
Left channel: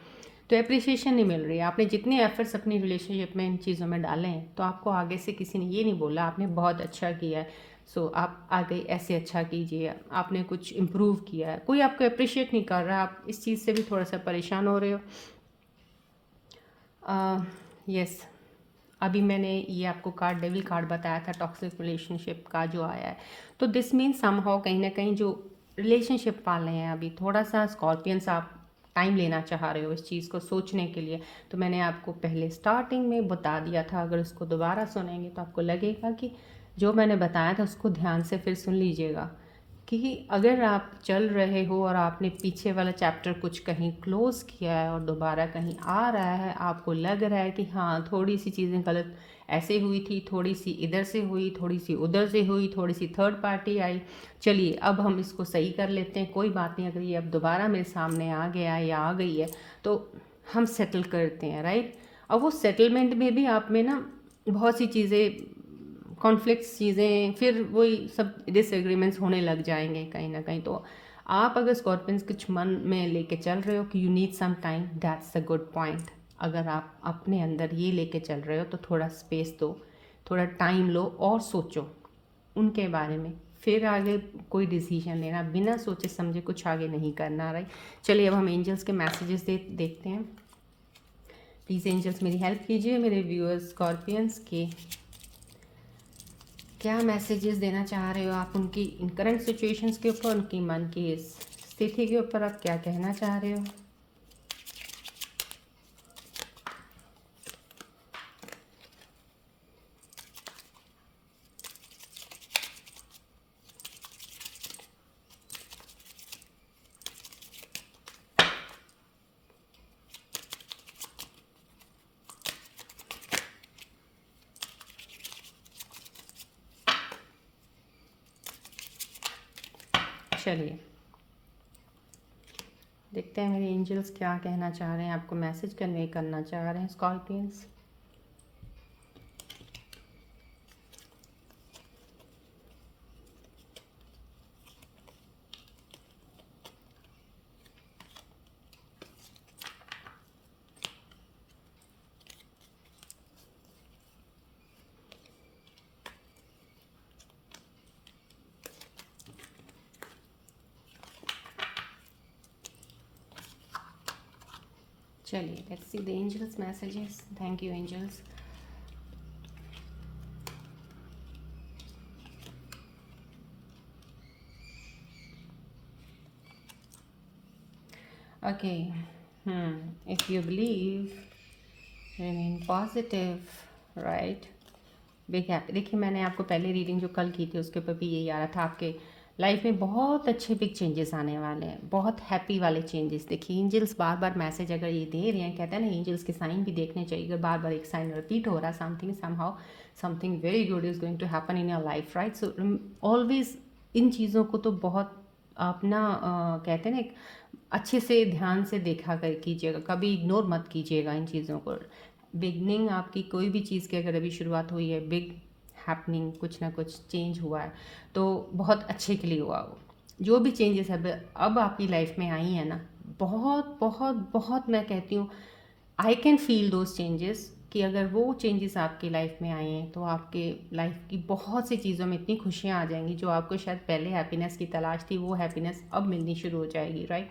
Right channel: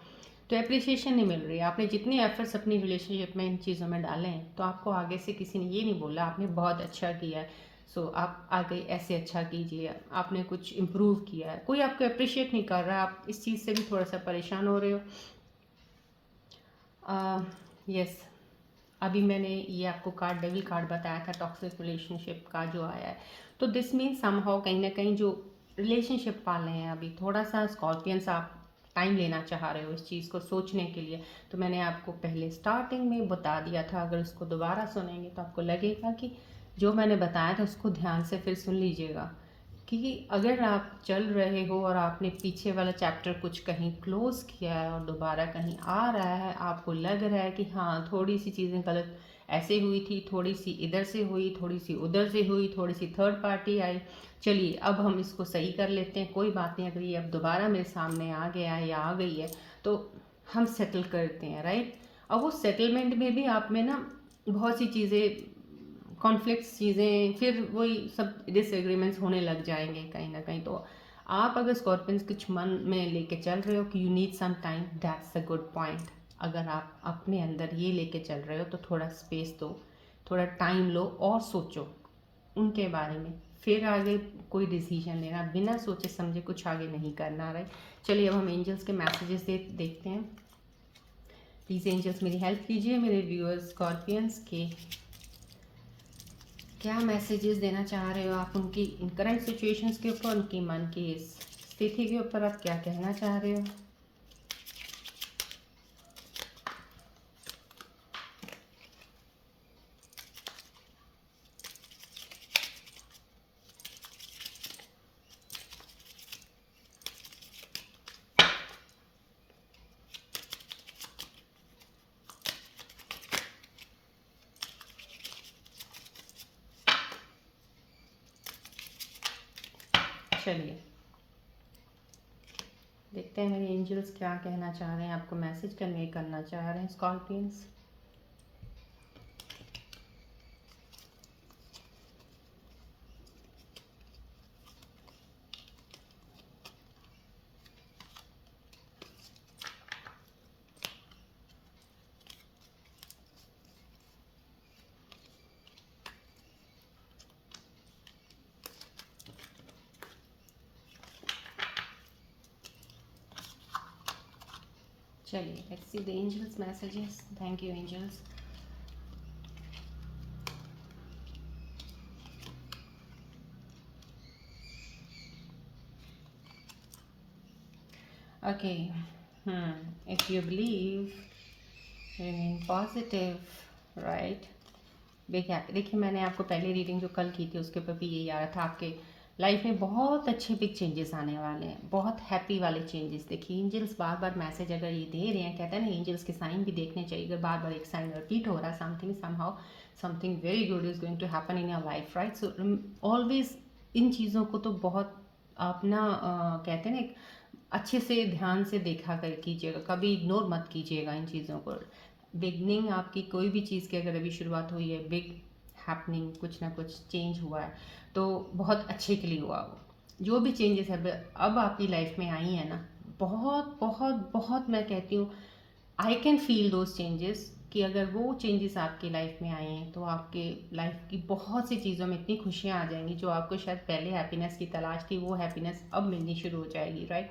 तो अप्रिशिएशन नहीं मिल रही है। आपने जितने एफर्ट्स अपनी रिलेशनशिप में इन चीज़ों में डाले हैं तो आपको आगे से किसी ने ये नहीं बोला आपने बहुत अच्छा किया है, सो आप आगे ऐसे अच्छा कीजिए, आपने कुछ इम्प्रूव किया है, कोई आपको अप्रिशिएट नहीं कर रहा, आप इस चीज़ से भी थोड़ा सा परेशान हो रहे हो। यस अभी मैंने ये आपको कार्ड डेविल कार्ड बताया था टॉक्सिक रिलेशनशिप का जो आया है, तो दिस मीन समहाउ कहीं ना कहीं जो रिलेशनशिप वाले हैं अभी थोड़ा सा स्कॉर्पियंस आप टाइम लेना चाह रहे हो इस चीज़ को सोचने के लिए। तो मैंने आपको पहले स्टार्टिंग में बता दिया था, अगर उसको दोबारा सुनेंगे तो आपको लगेगा कि जो मैंने बताया था उसको ध्यान से फिर सुन लीजिएगा कि अगर आप चल रहे हो और आपने पीछे वाला चैप्टर कुछ कहीं क्लोज़ किया है और दोबारा कहीं आ रहा है, आपको लग रहा है कि हाँ थोड़ी सी चीज़ें गलत ऐसे हुई थी, थोड़ी सी इधर से हुई, थोड़ी सी उधर से हुई, थोड़ी सी थर्ड पार्टी आई, चलिए अब हम इसको सही कर लेते हैं, कोई बात नहीं, अगर ये अब दोबारा मेरे सामने आ गया है या आ गई है तो हम सेटल करते हैं, राइट। अब वो सेटलमेंट में भी आप में ना बहुत सी चीज़ें कॉन्फ्लिक्ट्स चीज़ें फिर वही सब डिसएग्रीमेंट्स होने लग जाएंगे कहीं ना कहीं। तो आप अगर स्कॉर्पियंस कुछ मन में लेके चल रहे हो कि you need some time, that's a good point. अगर आप अपने अंदर ये लेके चल रहे हो तो थोड़ा स्पेस दो, थोड़ा टाइम लो और सोचो उनके बारे में, फिर आगे कोई डिसीजन लेना, बिना सोचे समझे कुछ आगे नहीं करना, राइट। चलिए अब हम एंजल्स के मैसेजेस देखते हैं। प्लीज़ एंजल्स मेरी हेल्प कीजिए मेरे व्यूअर्स स्कॉर्पियंस के क्या मैसेजेस देना चाह रहे हो आप उनकी इन करंट सिचुएशंस के ऊपर, उनकी मन की इस स्थिति के ऊपर आप क्या कहना चाह रहे हो। चलिए देखते हैं मेरे एंजल्स क्या कहना चाह रहे हैं, आपको मैसेज कन्वे करना चाह रहे हैं स्कॉर्पियंस। चलिए let's see the angels messages. Thank you angels. Okay if you believe remain positive, right. Big happy. देखिए मैंने आपको पहले रीडिंग जो कल की थी उसके ऊपर भी यही आ रहा था, आपके लाइफ में बहुत अच्छे बिग चेंजेस आने वाले हैं, बहुत हैप्पी वाले चेंजेस। देखिए एंजल्स बार बार मैसेज अगर ये दे रहे हैं, कहते हैं ना एंजल्स के साइन भी देखने चाहिए, अगर बार बार एक साइन रिपीट हो रहा है something somehow something very good is going to happen in your life, right. So always इन चीज़ों को तो बहुत अपना कहते हैं ना एक अच्छे से ध्यान से देखा कर कीजिएगा, कभी इग्नोर मत कीजिएगा इन चीज़ों को। बिगनिंग आपकी कोई भी चीज़ की अगर अभी शुरुआत हुई है, बिग हैपनिंग कुछ ना कुछ चेंज हुआ है तो बहुत अच्छे के लिए हुआ। वो जो भी चेंजेस है अब आपकी लाइफ में आई है ना, बहुत बहुत बहुत मैं कहती हूँ I can feel those changes, कि अगर वो चेंजेस आपकी लाइफ में आए हैं तो आपके लाइफ की बहुत सी चीज़ों में इतनी खुशियाँ आ जाएंगी, जो आपको शायद पहले हैप्पीनेस की तलाश थी वो हैप्पीनेस अब मिलनी शुरू हो जाएगी, राइट।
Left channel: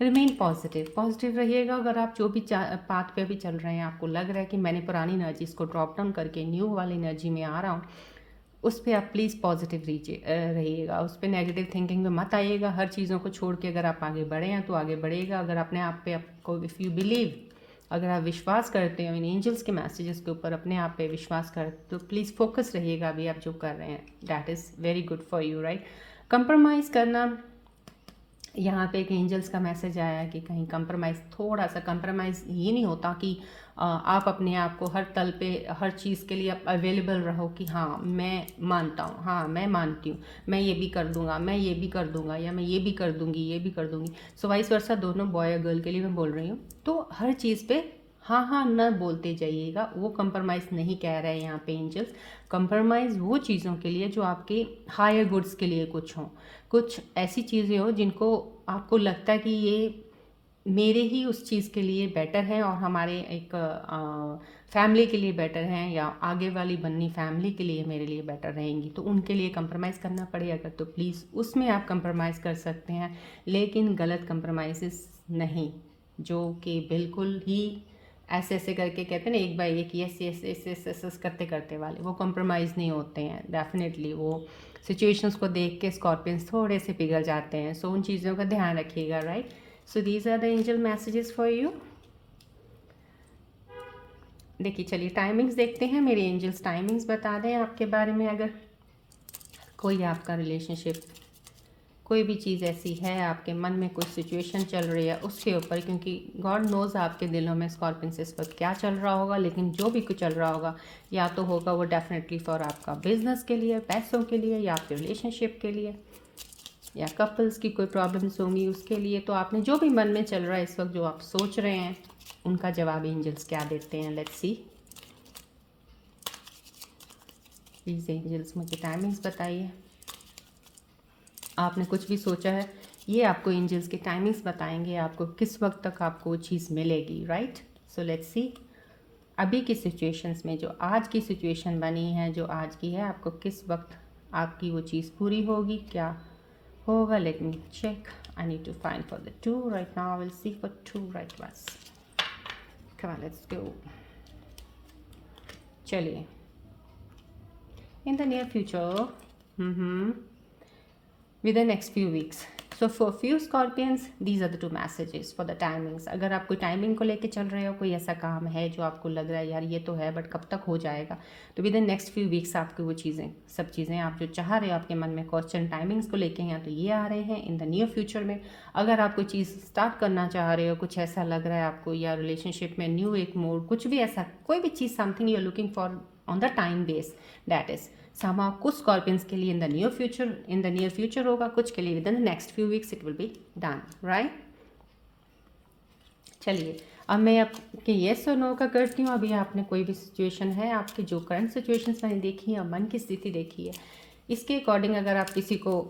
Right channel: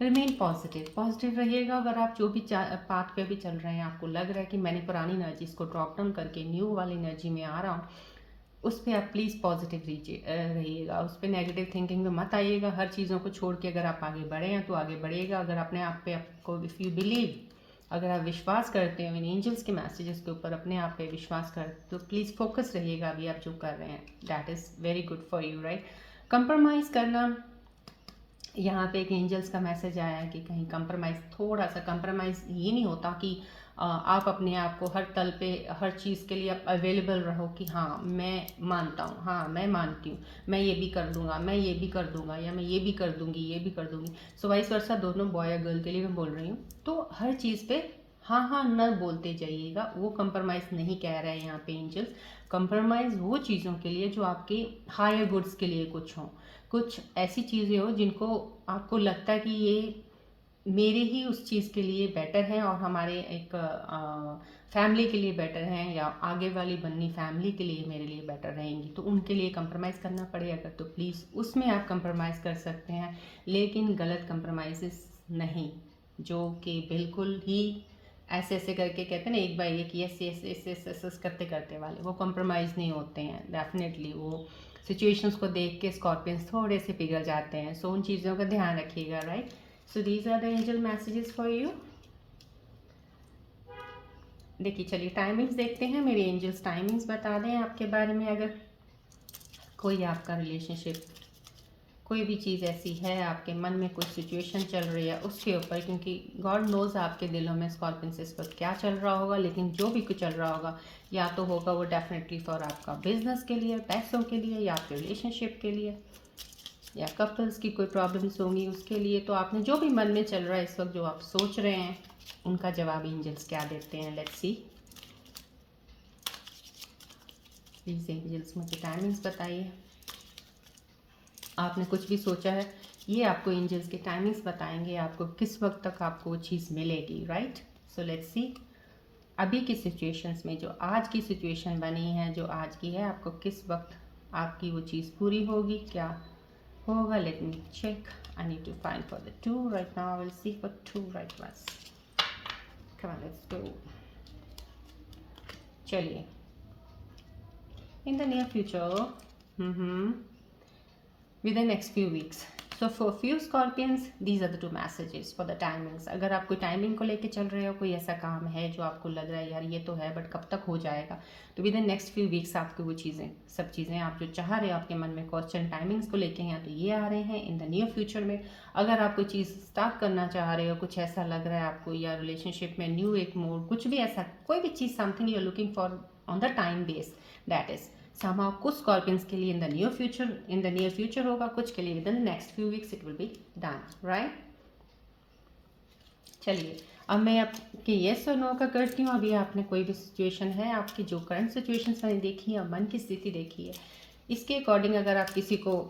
रिमेन पॉजिटिव, पॉजिटिव रहिएगा। अगर आप जो भी पाथ पे भी चल रहे हैं, आपको लग रहा है कि मैंने पुरानी एनर्जीज को ड्रॉप डाउन करके न्यू वाली एनर्जी में आ रहा हूँ, उस पर आप प्लीज़ पॉजिटिव रहिएगा, उस पर नेगेटिव थिंकिंग में मत आइएगा। हर चीज़ों को छोड़ के अगर आप आगे बढ़े हैं तो आगे बढ़ेगा। अगर अपने आप पे आपको, इफ़ यू बिलीव, अगर आप विश्वास करते हो इन एंजल्स के मैसेजेस के ऊपर, अपने आप पे विश्वास कर, तो प्लीज़ फोकस रहिएगा अभी आप जो कर रहे हैं। That is very good for you, right. Compromise करना, यहाँ पे एक एंजल्स का मैसेज आया कि कहीं कंप्रोमाइज़, थोड़ा सा कंप्रोमाइज़ ये नहीं होता कि आप अपने आप को हर तल पे हर चीज़ के लिए आप अवेलेबल रहो कि हाँ मैं मानता हूँ, हाँ मैं मानती हूँ, मैं ये भी कर दूंगा, मैं ये भी कर दूंगा, या मैं ये भी कर दूंगी, ये भी कर दूंगी। सो वाइस वर्सा, दोनों बॉय और गर्ल के लिए मैं बोल रही हूँ। तो हर चीज़ पे हाँ हाँ न बोलते जाइएगा, वो कंप्रोमाइज़ नहीं कह रहे हैं यहाँ पे एंजल्स। कंप्रोमाइज़ वो चीज़ों के लिए जो आपके हायर गुड्स के लिए कुछ हों, कुछ ऐसी चीज़ें हो जिनको आपको लगता है कि ये मेरे ही उस चीज़ के लिए बेटर है और हमारे एक फैमिली के लिए बेटर हैं, या आगे वाली बननी फैमिली के लिए मेरे लिए बेटर रहेंगी, तो उनके लिए कंप्रोमाइज़ करना पड़ेगा। तो प्लीज़ उसमें आप कंप्रोमाइज़ कर सकते हैं, लेकिन गलत कंप्रोमाइज़ नहीं, जो कि बिल्कुल ही ऐसे ऐसे करके कहते हैं ना, एक बाई एक, yes yes yes yes yes yes करते करते वाले, वो कंप्रोमाइज़ नहीं होते हैं। डेफिनेटली वो सिचुएशंस को देख के स्कॉर्पियंस थोड़े से पिघल जाते हैं। सो उन चीज़ों का ध्यान रखिएगा, right. So these are the angel messages for you. देखिए, चलिए टाइमिंग्स देखते हैं। मेरे एंजल्स टाइमिंग्स बता दें आपके बारे में। अगर कोई आपका रिलेशनशिप, कोई भी चीज़ ऐसी है, आपके मन में कोई सिचुएशन चल रही है उसके ऊपर, क्योंकि गॉड नोज़ आपके दिलों में स्कॉर्पियंस इस वक्त क्या चल रहा होगा, लेकिन जो भी कुछ चल रहा होगा, या तो होगा वो डेफिनेटली फॉर आपका बिजनेस के लिए, पैसों के लिए, या आपके रिलेशनशिप के लिए, या कपल्स की कोई प्रॉब्लम्स होंगी उसके लिए। तो आपने जो भी मन में चल रहा है इस वक्त, जो आप सोच रहे हैं, उनका जवाब एंजल्स क्या देते हैं। Let's see. प्लीज़ एंजल्स मुझे टाइमिंग्स बताइए। आपने कुछ भी सोचा है, ये आपको एंजल्स के टाइमिंग्स बताएंगे, आपको किस वक्त तक आपको वो चीज़ मिलेगी, राइट। सो लेट्स सी, अभी की सिचुएशंस में, जो आज की सिचुएशन बनी है, जो आज की है, आपको किस वक्त आपकी वो चीज़ पूरी होगी, क्या होगा। Let me check. I need to find for the 2 right now. I will see for 2 right ones. Come on, let's go. चलिए, in the near future, within next few weeks. So for few Scorpions, these are the 2 messages for the timings. अगर आप कोई timing को लेके चल रहे हो, कोई ऐसा काम है जो आपको लग रहा है यार ये तो है बट कब तक हो जाएगा, तो with in next few weeks आपको वो चीज़ें, सब चीज़ें आप जो चाह रहे हो, आपके मन में क्वेश्चन टाइमिंग्स को लेके हैं, तो ये आ रहे हैं इन द नियर फ्यूचर में। अगर आप कोई चीज़ स्टार्ट करना चाह रहे हो, कुछ ऐसा लग रहा है आपको, या रिलेशनशिप में न्यू एक मोड, कुछ भी ऐसा, कोई भी चीज़, something you are looking for on the time base, that is somehow कुछ स्कॉर्पियंस के लिए इन द नियर फ्यूचर होगा, कुछ के लिए with in the next few weeks it will be done, right. चलिए, अब मैं आपके येस और नो का करती हूँ। अभी आपने कोई भी सिचुएशन है, आपकी जो करंट सिचुएशंस मैंने देखी है और मन की स्थिति देखी है, इसके अकॉर्डिंग अगर आप किसी को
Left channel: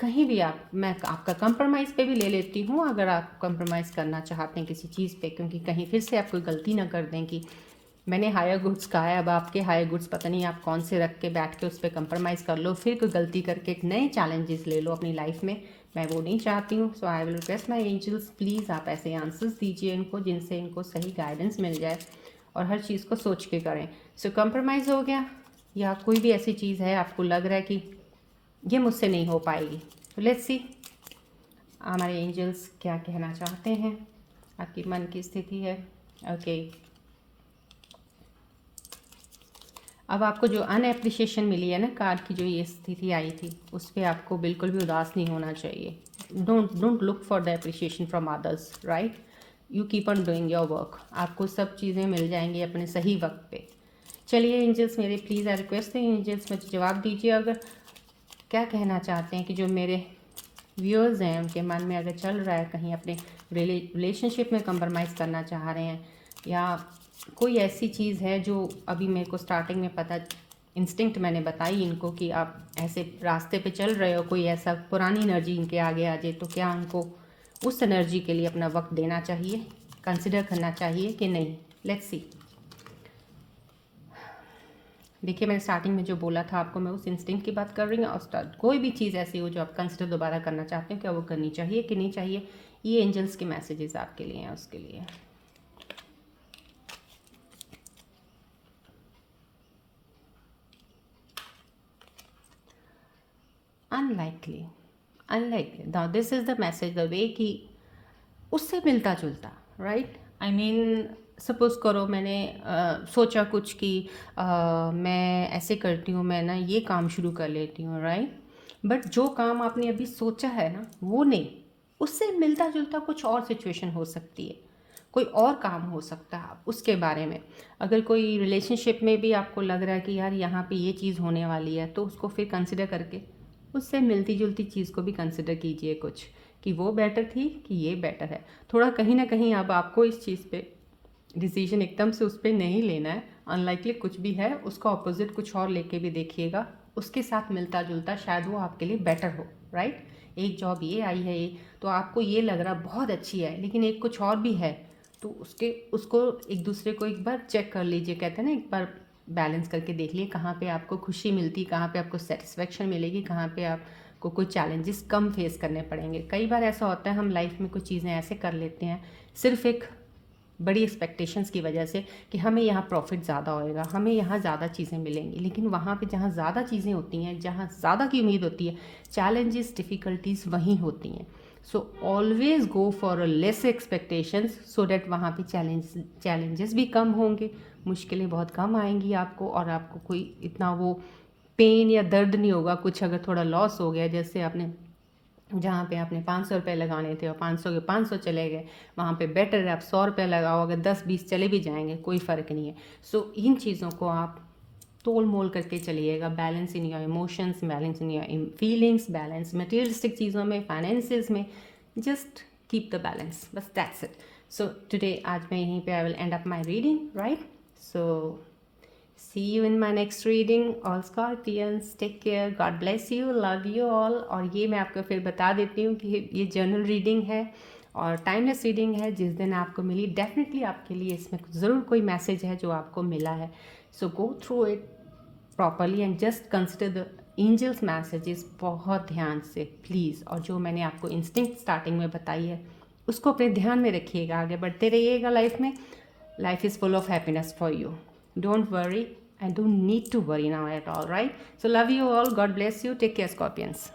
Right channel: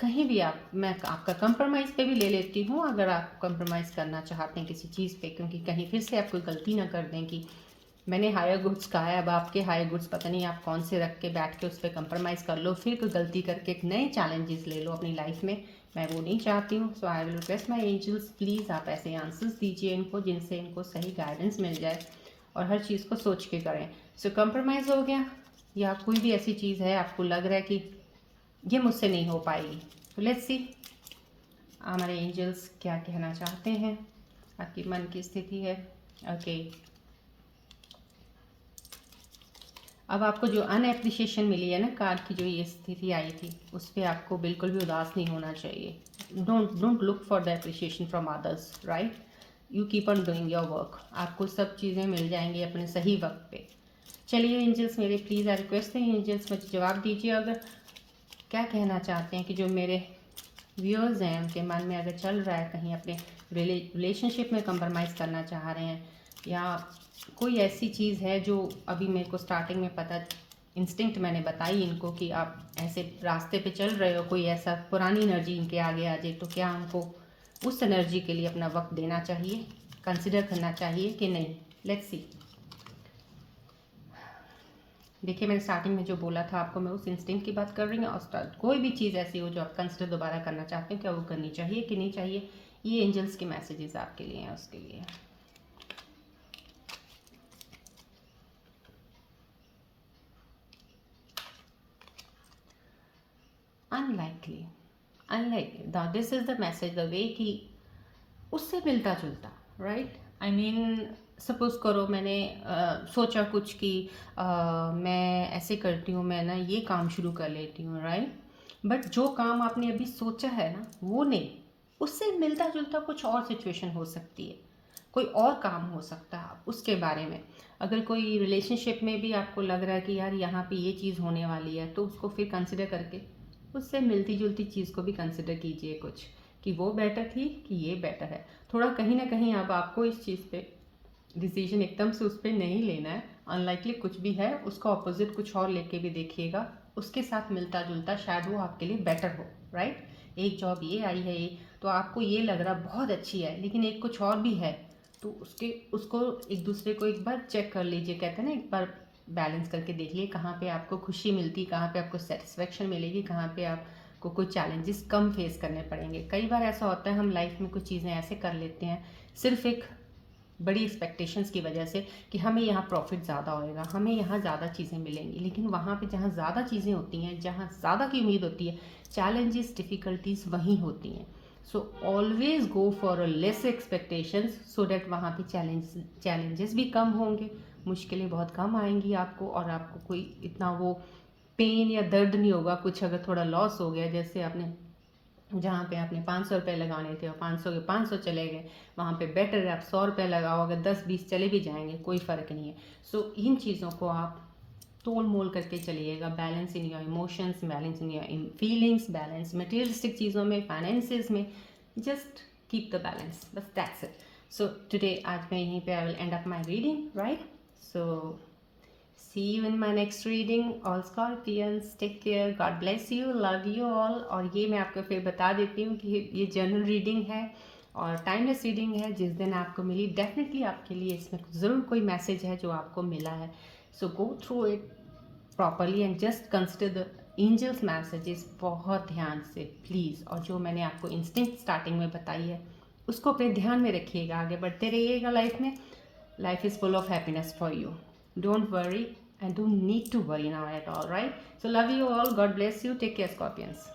कहीं भी, मैं आपका कंप्रोमाइज़ पे भी ले लेती हूँ, अगर आप कंप्रोमाइज़ करना चाहते हैं किसी चीज़ पे, क्योंकि कहीं फिर से आप कोई गलती ना कर दें कि मैंने हायर गुड्स कहा है, अब आपके हायर गुड्स पता नहीं आप कौन से रख के बैठ के उस पर कंप्रोमाइज़ कर लो, फिर कोई गलती करके एक नए चैलेंजेस ले लो अपनी लाइफ में। मैं वो नहीं चाहती हूँ। So I will request my angels, please आप ऐसे आंसर्स दीजिए इनको जिनसे इनको सही गाइडेंस मिल जाए और हर चीज़ को सोच के करें। सो कंप्रोमाइज़ हो गया, या कोई भी ऐसी चीज़ है आपको लग रहा है कि ये मुझसे नहीं हो पाएगी, तो लेट्स सी हमारे एंजल्स क्या कहना चाहते हैं, आपकी मन की स्थिति है। ओके, अब आपको जो अनएप्रिशिएशन मिली है ना, कार्ड की जो ये स्थिति आई थी, उस पर आपको बिल्कुल भी उदास नहीं होना चाहिए। Don't look for the appreciation from others, right. You keep on doing your work, आपको सब चीज़ें मिल जाएंगी अपने सही वक्त पे। चलिए एंजल्स मेरे, प्लीज़ आई रिक्वेस्ट है एंजल्स मुझे जवाब दीजिए, अगर क्या कहना चाहते हैं कि जो मेरे व्यूअर्स हैं उनके मन में अगर चल रहा है कहीं अपने रिलेशनशिप में कंप्रोमाइज़ करना चाह रहे हैं, या कोई ऐसी चीज़ है जो अभी मेरे को स्टार्टिंग में पता, इंस्टिंक्ट मैंने बताई इनको कि आप ऐसे रास्ते पे चल रहे हो, कोई ऐसा पुरानी एनर्जी इनके आगे आ जाए, तो क्या उनको उस एनर्जी के लिए अपना वक्त देना चाहिए, कंसिडर करना चाहिए कि नहीं। Let's see. देखिए, मैंने स्टार्टिंग में जो बोला था आपको, मैं उस इंस्टिंक्ट की बात कर रही हूँ। और कोई भी चीज़ ऐसी हो जो आप कंसिडर दोबारा करना चाहते हो, क्या वो करनी चाहिए कि नहीं चाहिए, ये एंजल्स के मैसेजेस आपके लिए हैं, उसके लिए। Unlikely, now this is the message the way कि उससे मिलता जुलता, राइट। आई मीन सपोज़ करो मैंने सोचा कुछ कि मैं ऐसे करती हूँ, मैं ना ये काम शुरू कर लेती हूँ, राइट। बट जो काम आपने अभी सोचा है ना वो नहीं, उससे मिलता जुलता कुछ और सिचुएशन हो सकती है, कोई और काम हो सकता है उसके बारे में। अगर कोई रिलेशनशिप में भी आपको लग रहा है कि यार यहाँ पे ये चीज़ होने वाली है, तो उसको फिर कंसिडर करके उससे मिलती जुलती चीज़ को भी कंसिडर कीजिए कुछ, कि वो बेटर थी कि ये बेटर है। थोड़ा कहीं ना कहीं अब आपको इस चीज़ पे डिसीजन एकदम से उस पर नहीं लेना है। अनलाइकली कुछ भी है, उसका ऑपोजिट कुछ और लेके भी देखिएगा, उसके साथ मिलता जुलता शायद वो आपके लिए बेटर हो, राइट। एक जॉब ये आई है ये, तो आपको ये लग रहा बहुत अच्छी है, लेकिन एक कुछ और भी है, तो उसको एक दूसरे को एक बार चेक कर लीजिए, कहते हैं ना, एक बार बैलेंस करके देख लिए कहाँ पे आपको खुशी मिलती, कहाँ पे आपको सेटिस्फेक्शन मिलेगी, कहाँ पे आपको कोई चैलेंजेस कम फेस करने पड़ेंगे। कई बार ऐसा होता है हम लाइफ में कुछ चीज़ें ऐसे कर लेते हैं सिर्फ एक बड़ी एक्सपेक्टेशंस की वजह से कि हमें यहाँ प्रॉफिट ज़्यादा होएगा, हमें यहाँ ज़्यादा चीज़ें मिलेंगी, लेकिन वहाँ पे जहाँ ज़्यादा चीज़ें होती हैं, जहाँ ज़्यादा की उम्मीद होती है, चैलेंजेस डिफ़िकल्टीज़ वहीं होती हैं। So always go for a less expectations, so that वहाँ पे चैलेंजेस भी कम होंगे, मुश्किलें बहुत कम आएंगी आपको, और आपको कोई इतना वो पेन या दर्द नहीं होगा। कुछ अगर थोड़ा लॉस हो गया, जैसे आपने जहाँ पे आपने 500 रुपये लगाने थे और 500 के 500 चले गए, वहाँ पे बेटर है आप 100 रुपये लगाओ, अगर 10-20 चले भी जाएंगे कोई फ़र्क नहीं है। सो इन चीज़ों को आप तोल मोल करके चलिएगा, balance in your emotions, balance in your feelings, balance materialistic चीज़ों में, फाइनेंसेस में, जस्ट कीप द बैलेंस, बस दैट्स इट। सो टुडे आज मैं यहीं पे I will and up my reading, right. So see you in my next reading, all Scorpions, take care, God bless you, love you all। और ये मैं आपको फिर बता देती हूँ कि ये जर्नल रीडिंग है और टाइमलेस रीडिंग है। जिस दिन आपको मिली, डेफिनेटली आपके लिए इसमें ज़रूर कोई मैसेज है जो आपको मिला है। So go through it properly and just consider the angels messages बहुत ध्यान से प्लीज़। और जो मैंने आपको इंस्टिंक्ट स्टार्टिंग में बताई है उसको अपने ध्यान में रखिएगा, आगे बढ़ते रहिएगा लाइफ में। Life is full of happiness for you. Don't worry and don't need to worry now at all, right? So love you all. God bless you. Take care, Scorpions.